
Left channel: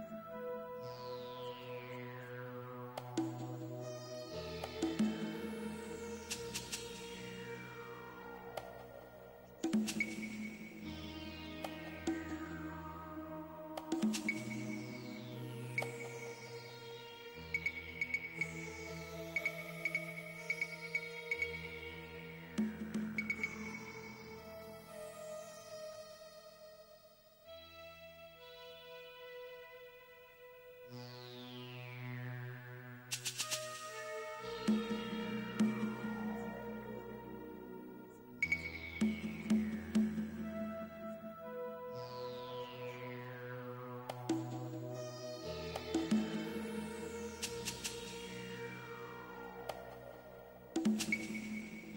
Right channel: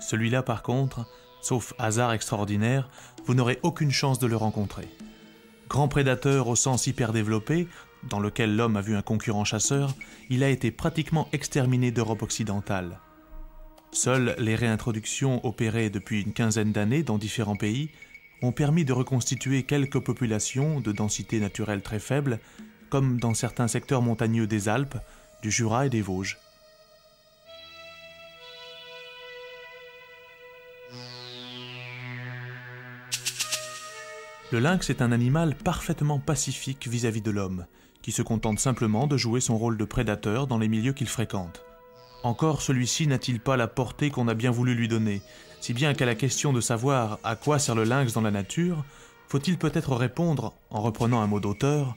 Celui-là par contre, sauf hasard extraordinaire, vous n'aurez aucune chance de le rencontrer. Grand prédateur au sens hyper développé, dans lequel l'homme a vu un concurrent chasseur, il a été pratiquement exterminé d'Europe occidentale. Seules les réintroductions opérées depuis une quinzaine d'années dans différents pays ont permis de reconstituer quelques populations de densité naturelle très faible, comme dans certains secteurs montagneux des Alpes, du Jura et des Vosges. Le lynx est un animal parfaitement pacifique vis-à-vis de l'homme, qui se contente simplement de jouer son rôle de prédateur dans les milieux qu'il fréquente. Encore celui-ci n'a-t-il pas la portée qu'on a bien voulu lui donner, si bien qu'à la question de savoir à quoi sert le lynx dans la nature, faut-il peut-être répondre, en reprenant un mot d'auteur,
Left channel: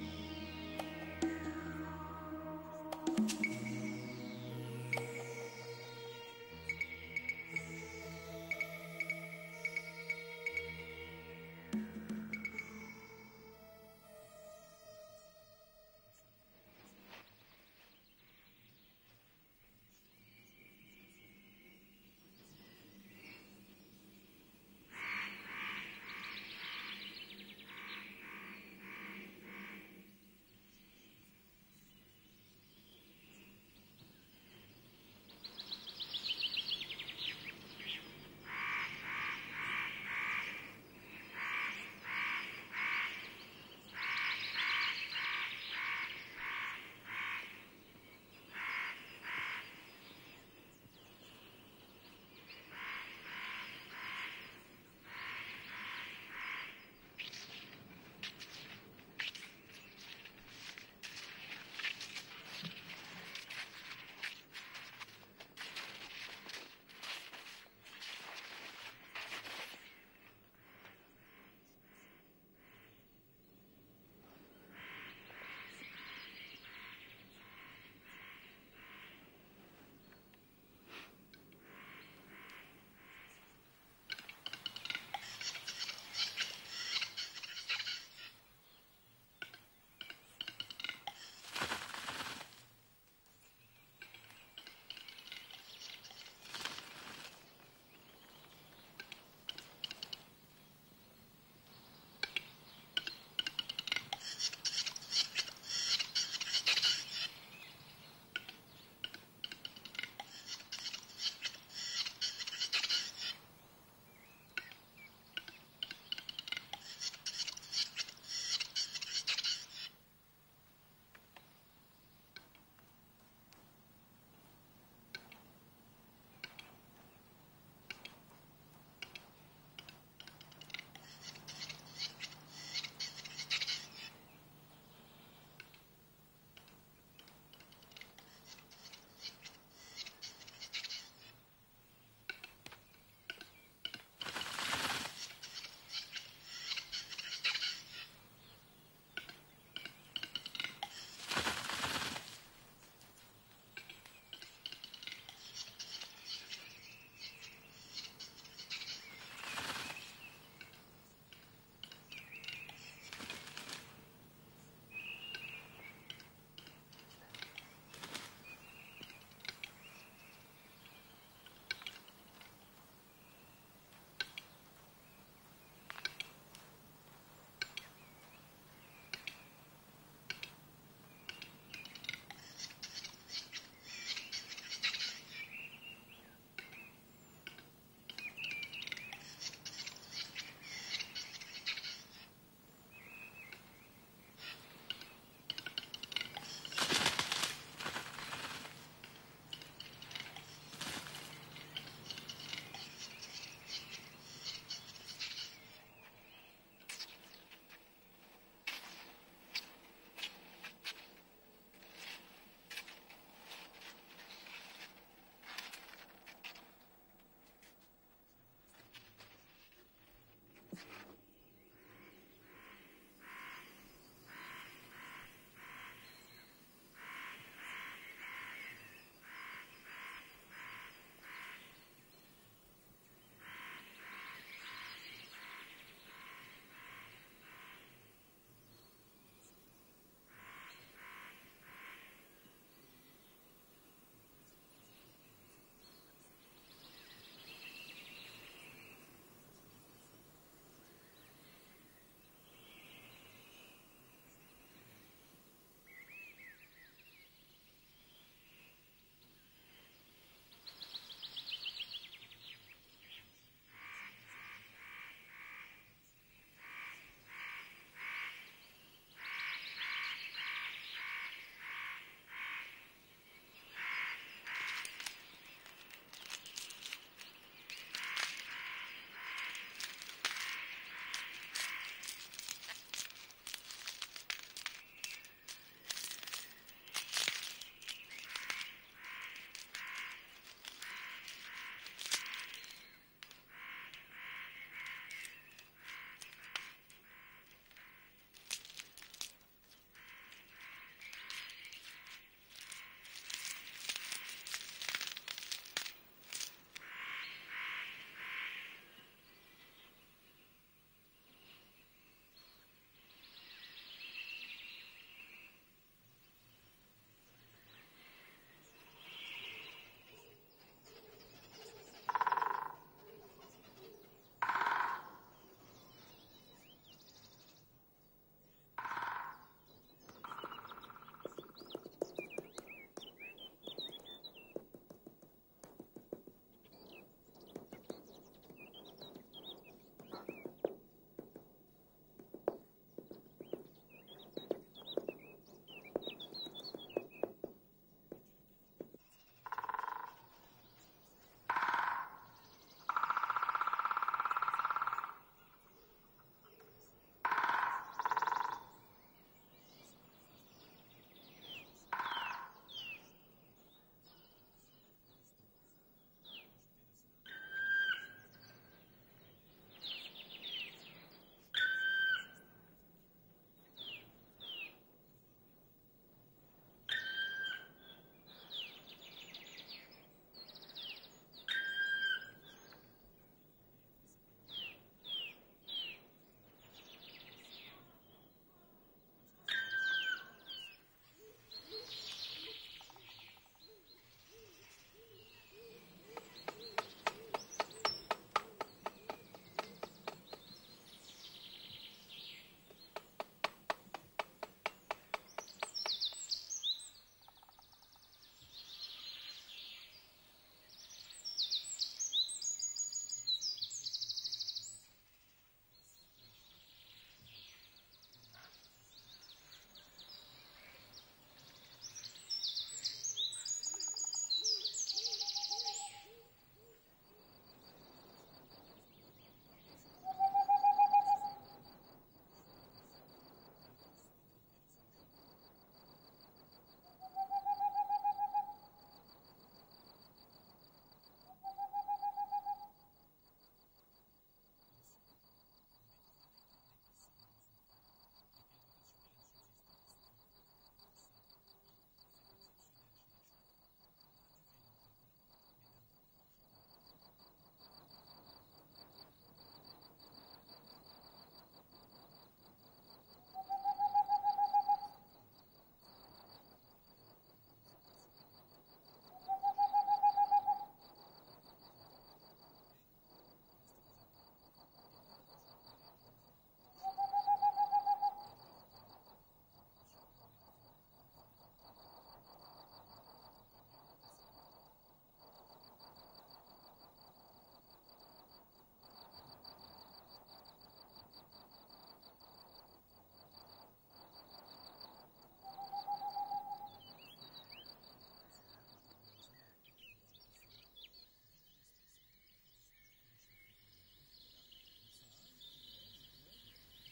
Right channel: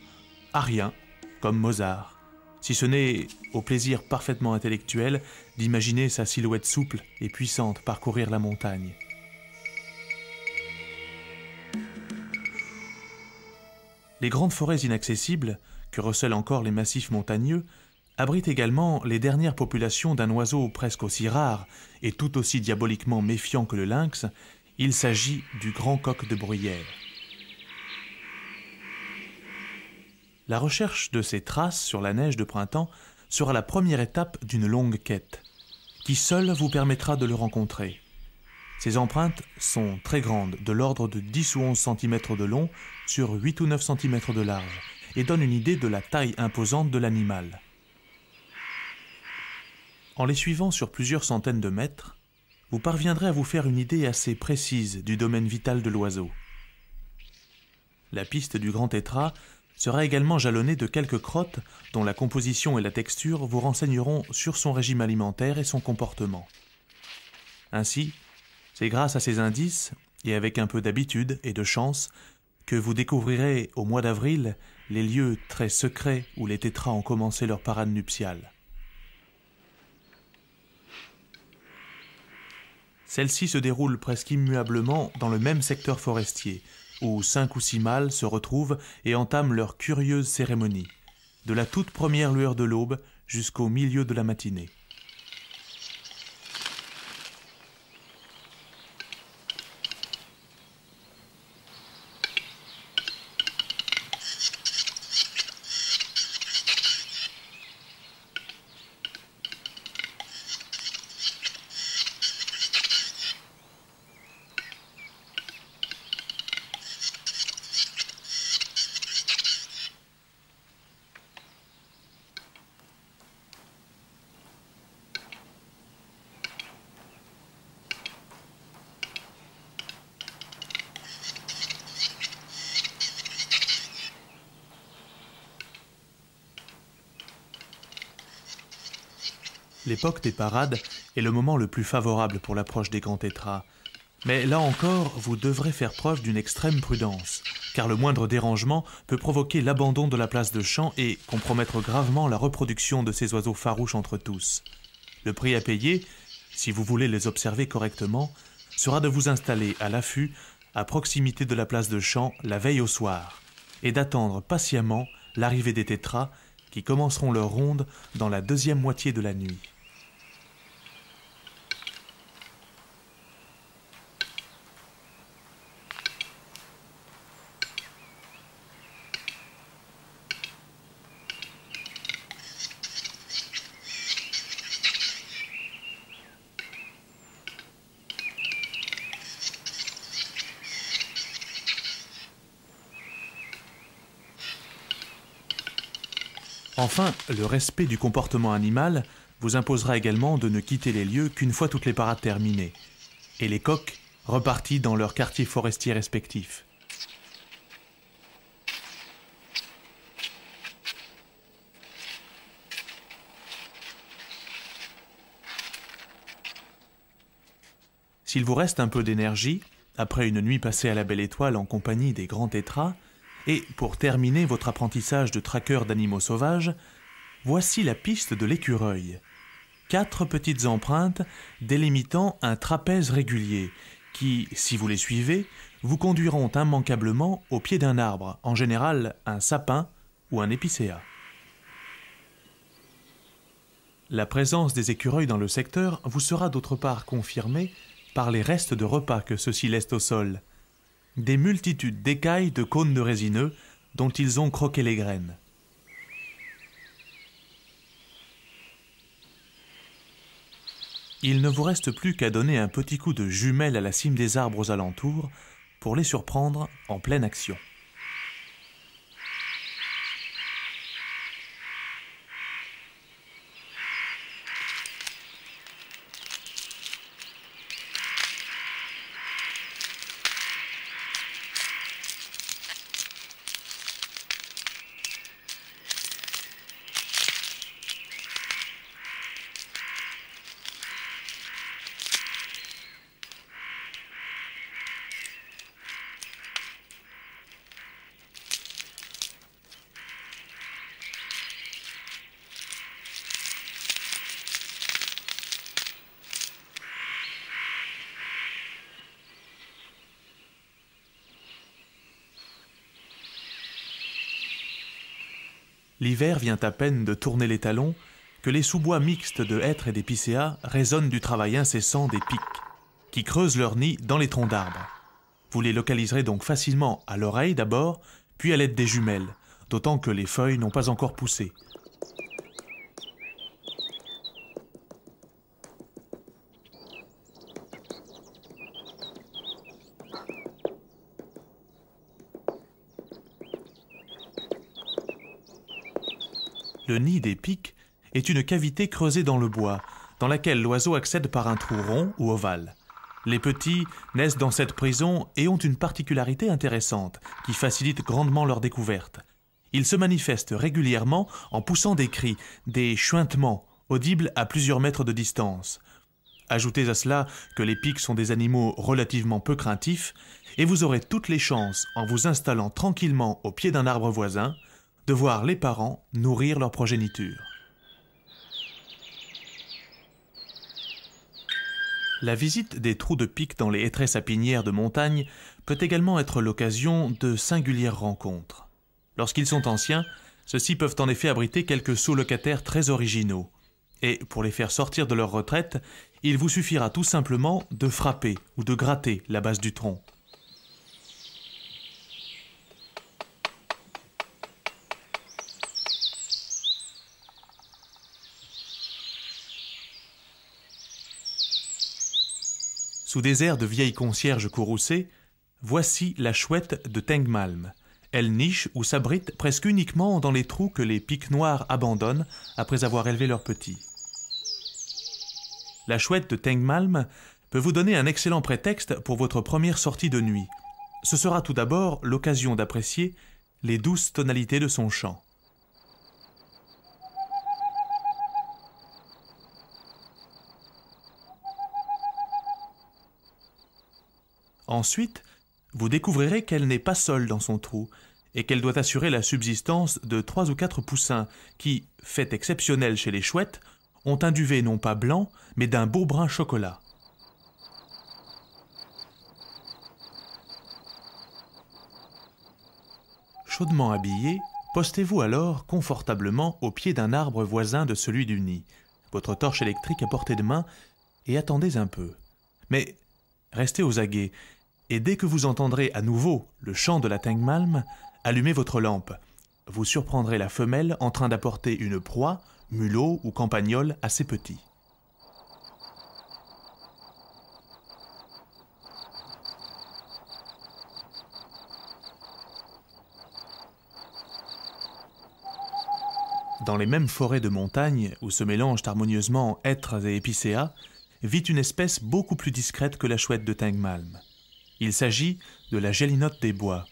à rien, comme Mozart, si ce n'est au plaisir parfaitement intellectuel d'imaginer sa silhouette souple et puissante parcourir la montagne. Les grandes forêts inaccessibles, que recèlent encore les massifs montagneux, abritent également les dernières populations d'un oiseau presque aussi rare et tout aussi diaboliquement méfiant que le lynx. Il s'agit du grand coq de bruyère. La recherche de ces traces sur la neige de printemps sera la première étape d'une longue quête, qui seule vous permettra de le rencontrer. Ces empreintes sont très grandes, de l'ordre de 10 ou 11 cm de long sur 8 ou 9 cm de large, et donnent une idée de la taille imposante de l'animal. En les suivant sur plusieurs centaines de mètres, vous parviendrez à vous faire une idée assez précise du domaine vital de l'oiseau. La piste du grand tétras sera également jalonnée de quelques crottes dont la composition et la texture vous renseigneront sur son régime alimentaire et son comportement. Ainsi, c'est grâce à ces indices, et avec un peu d'habitude et de chance, que vous découvrirez au mois d'avril les lieux très secrets où les tétras ont commencé leur parade nuptiale. Celle-ci se déroule presque immuablement dans le même secteur forestier, où 5 ou 6 mâles se retrouvent et entament leur curieuse cérémonie, de la toute première lueur de l'aube jusqu'au milieu de la matinée. L'époque des parades est le moment le plus favorable pour l'approche des grands tétras. Mais là encore, vous devrez faire preuve d'une extrême prudence, car le moindre dérangement peut provoquer l'abandon de la place de chant et compromettre gravement la reproduction de ces oiseaux farouches entre tous. Le prix à payer, si vous voulez les observer correctement, sera de vous installer à l'affût, à proximité de la place de chant, la veille au soir, et d'attendre patiemment l'arrivée des tétras qui commenceront leur ronde dans la deuxième moitié de la nuit. Enfin, le respect du comportement animal vous imposera également de ne quitter les lieux qu'une fois toutes les parades terminées, et les coqs repartis dans leurs quartiers forestiers respectifs. S'il vous reste un peu d'énergie, après une nuit passée à la Belle Étoile en compagnie des grands tétras, et pour terminer votre apprentissage de traqueur d'animaux sauvages, voici la piste de l'écureuil. 4 petites empreintes délimitant un trapèze régulier qui, si vous les suivez, vous conduiront immanquablement au pied d'un arbre, en général un sapin ou un épicéa. La présence des écureuils dans le secteur vous sera d'autre part confirmée par les restes de repas que ceux-ci laissent au sol. Des multitudes d'écailles de cônes de résineux dont ils ont croqué les graines. Il ne vous reste plus qu'à donner un petit coup de jumelle à la cime des arbres aux alentours pour les surprendre en pleine action. L'hiver vient à peine de tourner les talons que les sous-bois mixtes de hêtres et d'épicéas résonnent du travail incessant des pics, qui creusent leur nid dans les troncs d'arbres. Vous les localiserez donc facilement à l'oreille d'abord, puis à l'aide des jumelles, d'autant que les feuilles n'ont pas encore poussé. Le nid des pics est une cavité creusée dans le bois, dans laquelle l'oiseau accède par un trou rond ou ovale. Les petits naissent dans cette prison et ont une particularité intéressante qui facilite grandement leur découverte. Ils se manifestent régulièrement en poussant des cris, des chuintements, audibles à plusieurs mètres de distance. Ajoutez à cela que les pics sont des animaux relativement peu craintifs et vous aurez toutes les chances, en vous installant tranquillement au pied d'un arbre voisin, de voir les parents nourrir leur progéniture. La visite des trous de pics dans les hêtraies sapinières de montagne peut également être l'occasion de singulières rencontres. Lorsqu'ils sont anciens, ceux-ci peuvent en effet abriter quelques sous-locataires très originaux. Et pour les faire sortir de leur retraite, il vous suffira tout simplement de frapper ou de gratter la base du tronc. Sous des airs de vieille concierge courroucée, voici la chouette de Tengmalm. Elle niche ou s'abrite presque uniquement dans les trous que les pics noirs abandonnent après avoir élevé leurs petits. La chouette de Tengmalm peut vous donner un excellent prétexte pour votre première sortie de nuit. Ce sera tout d'abord l'occasion d'apprécier les douces tonalités de son chant. Ensuite, vous découvrirez qu'elle n'est pas seule dans son trou et qu'elle doit assurer la subsistance de 3 ou 4 poussins qui, fait exceptionnel chez les chouettes, ont un duvet non pas blanc, mais d'un beau brun chocolat. Chaudement habillé, postez-vous alors confortablement au pied d'un arbre voisin de celui du nid, votre torche électrique à portée de main, et attendez un peu. Mais restez aux aguets, et dès que vous entendrez à nouveau le chant de la Tengmalm, allumez votre lampe. Vous surprendrez la femelle en train d'apporter une proie, mulot ou campagnol à ses petits. Dans les mêmes forêts de montagne où se mélangent harmonieusement hêtres et épicéas, vit une espèce beaucoup plus discrète que la chouette de Tengmalm. Il s'agit de la gélinotte des bois.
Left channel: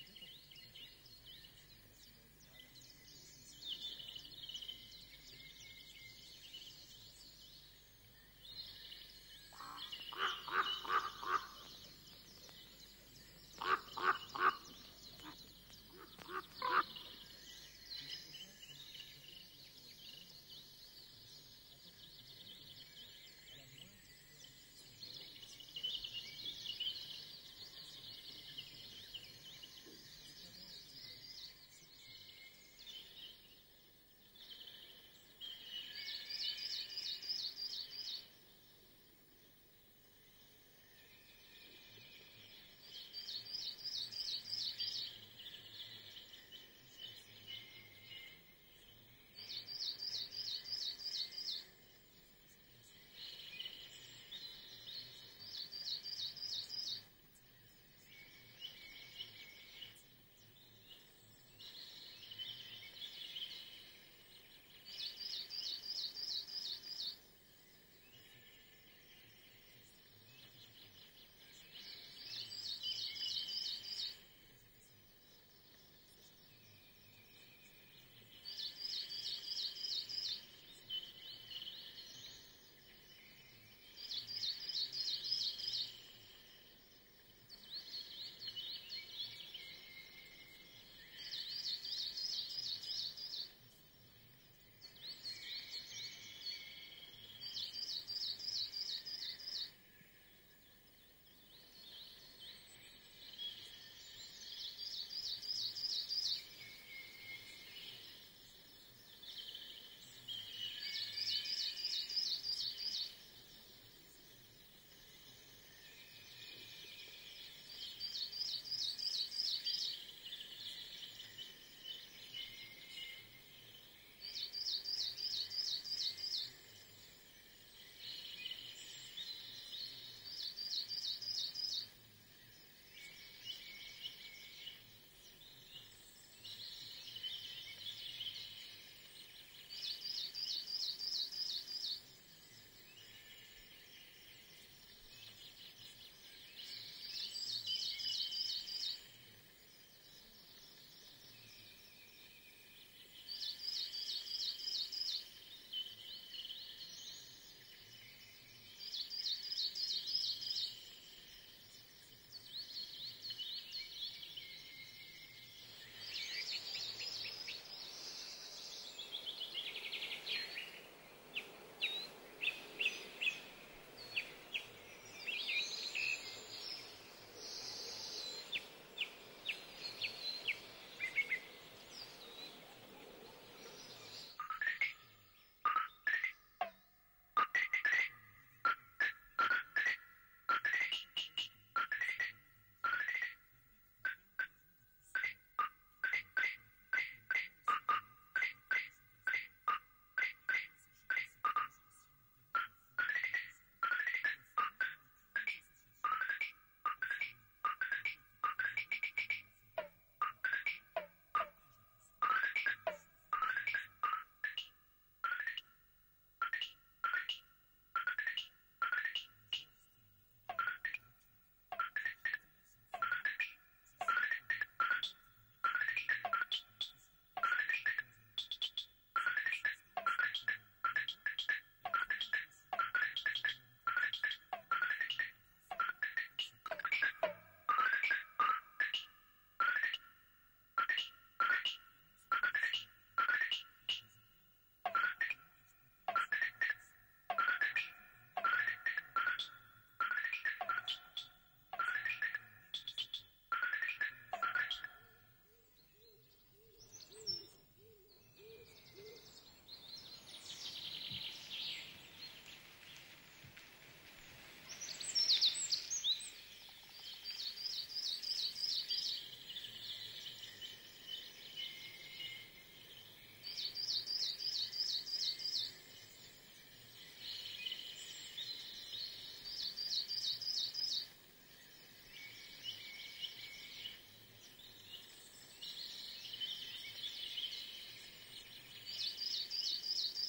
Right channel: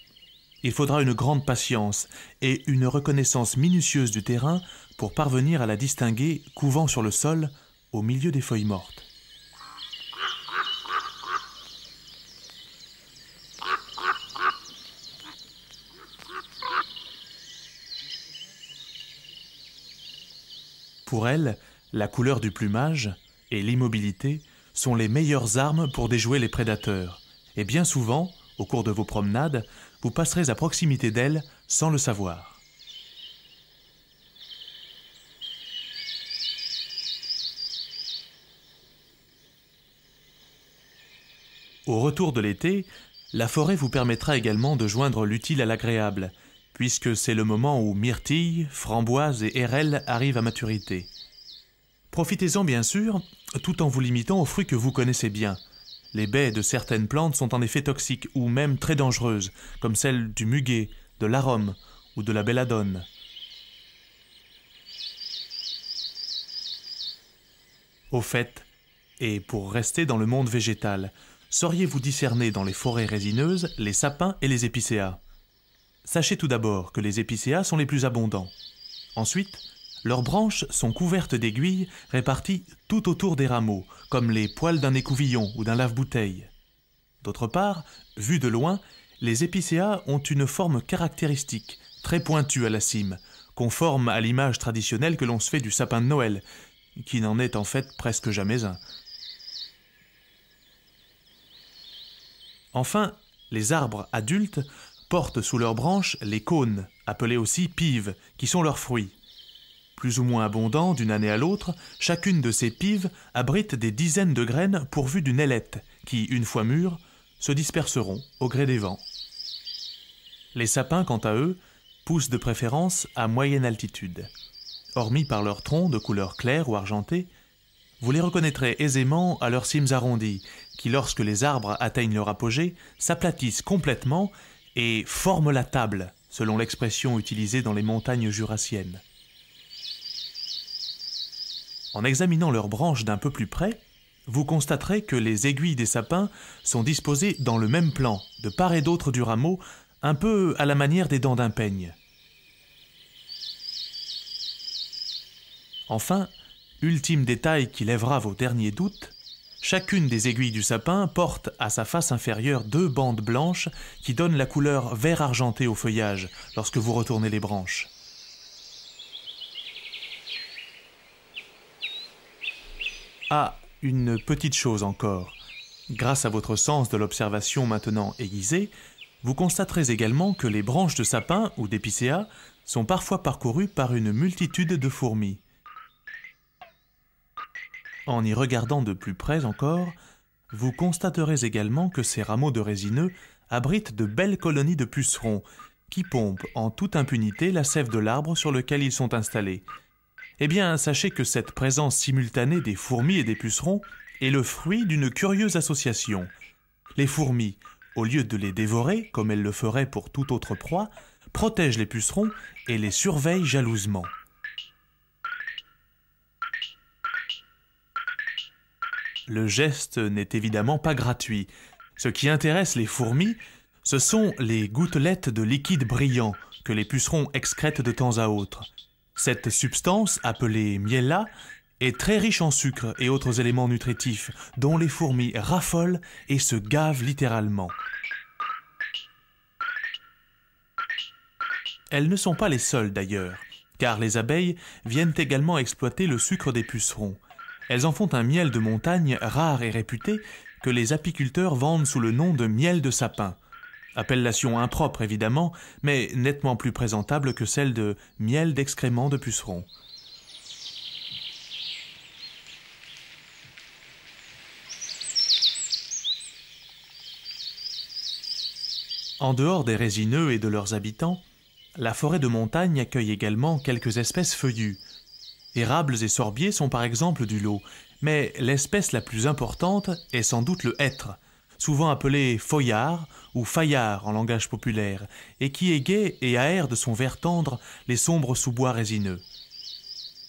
Il faudra une grande patience et une reconnaissance minutieuse du terrain pour parvenir à la distinguer couvant sur le sol au milieu des feuilles mortes. Pour elle, la couleur du plumage et l'immobilité sont les meilleures armes pour déjouer les prédateurs. Et bien souvent, au cours de vos promenades, vous passerez à proximité d'elle sans le savoir. Au retour de l'été, la forêt vous permettra également de joindre l'utile à l'agréable, puisque c'est le moment où myrtilles, framboises et hérelles arrivent à maturité. Profitez-en bien sûr, tout en vous limitant aux fruits que vous connaissez bien. Les baies de certaines plantes sont en effet toxiques ou même très dangereuses, comme celles du muguet, de l'arôme ou de la belladone. Au fait, et pour rester dans le monde végétal, sauriez-vous discerner dans les forêts résineuses les sapins et les épicéas? Sachez tout d'abord que les épicéas sont les plus abondants. Ensuite, leurs branches sont couvertes d'aiguilles réparties tout autour des rameaux, comme les poils d'un écouvillon ou d'un lave-bouteille. D'autre part, vus de loin, les épicéas ont une forme caractéristique, très pointue à la cime, conforme à l'image traditionnelle que l'on se fait du sapin de Noël, qui n'en est en fait presque jamais un. Enfin, les arbres adultes portent sous leurs branches les cônes, appelées aussi pives, qui sont leurs fruits. Plus ou moins abondants d'une année à l'autre, chacune de ces pives abrite des dizaines de graines pourvues d'une ailette, qui, une fois mûres, se disperseront au gré des vents. Les sapins, quant à eux, poussent de préférence à moyenne altitude. Hormis par leurs troncs de couleur claire ou argentée, vous les reconnaîtrez aisément à leurs cimes arrondies, qui, lorsque les arbres atteignent leur apogée, s'aplatissent complètement et forment la table, selon l'expression utilisée dans les montagnes jurassiennes. En examinant leurs branches d'un peu plus près, vous constaterez que les aiguilles des sapins sont disposées dans le même plan, de part et d'autre du rameau, un peu à la manière des dents d'un peigne. Enfin, ultime détail qui lèvera vos derniers doutes, chacune des aiguilles du sapin porte à sa face inférieure 2 bandes blanches qui donnent la couleur vert argenté au feuillage lorsque vous retournez les branches. Ah, une petite chose encore. Grâce à votre sens de l'observation maintenant aiguisé, vous constaterez également que les branches de sapin ou d'épicéa sont parfois parcourues par une multitude de fourmis. En y regardant de plus près encore, vous constaterez également que ces rameaux de résineux abritent de belles colonies de pucerons qui pompent en toute impunité la sève de l'arbre sur lequel ils sont installés. Eh bien, sachez que cette présence simultanée des fourmis et des pucerons est le fruit d'une curieuse association. Les fourmis, au lieu de les dévorer, comme elles le feraient pour toute autre proie, protègent les pucerons et les surveillent jalousement. Le geste n'est évidemment pas gratuit. Ce qui intéresse les fourmis, ce sont les gouttelettes de liquide brillant que les pucerons excrètent de temps à autre. Cette substance, appelée miella, est très riche en sucre et autres éléments nutritifs, dont les fourmis raffolent et se gavent littéralement. Elles ne sont pas les seules d'ailleurs, car les abeilles viennent également exploiter le sucre des pucerons. Elles en font un miel de montagne rare et réputé que les apiculteurs vendent sous le nom de miel de sapin. Appellation impropre évidemment, mais nettement plus présentable que celle de miel d'excréments de pucerons. En dehors des résineux et de leurs habitants, la forêt de montagne accueille également quelques espèces feuillues. Érables et sorbiers sont par exemple du lot, mais l'espèce la plus importante est sans doute le hêtre, souvent appelé feuillard ou faillard en langage populaire, et qui égaie et aère de son vert tendre les sombres sous-bois résineux.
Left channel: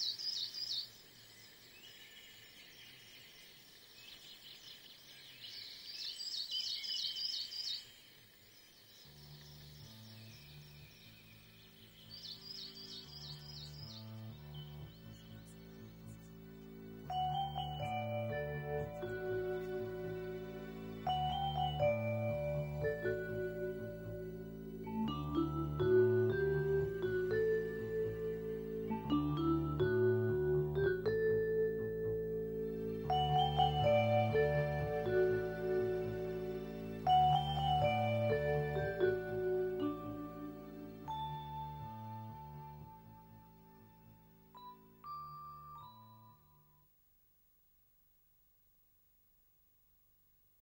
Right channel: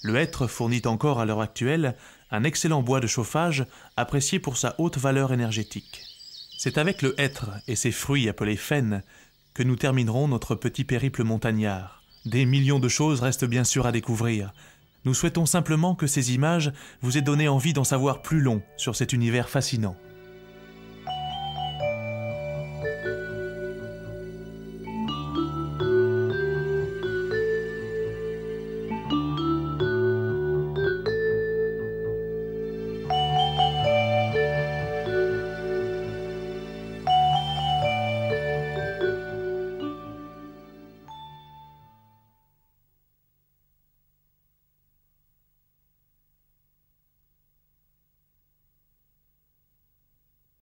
Le hêtre fournit encore à l'heure actuelle un excellent bois de chauffage apprécié pour sa haute valeur énergétique. C'est avec le hêtre et ses fruits appelés faînes que nous terminerons notre petit périple montagnard. Des millions de choses restent bien sûr à découvrir. Nous souhaitons simplement que ces images vous aient donné envie d'en savoir plus long sur cet univers fascinant.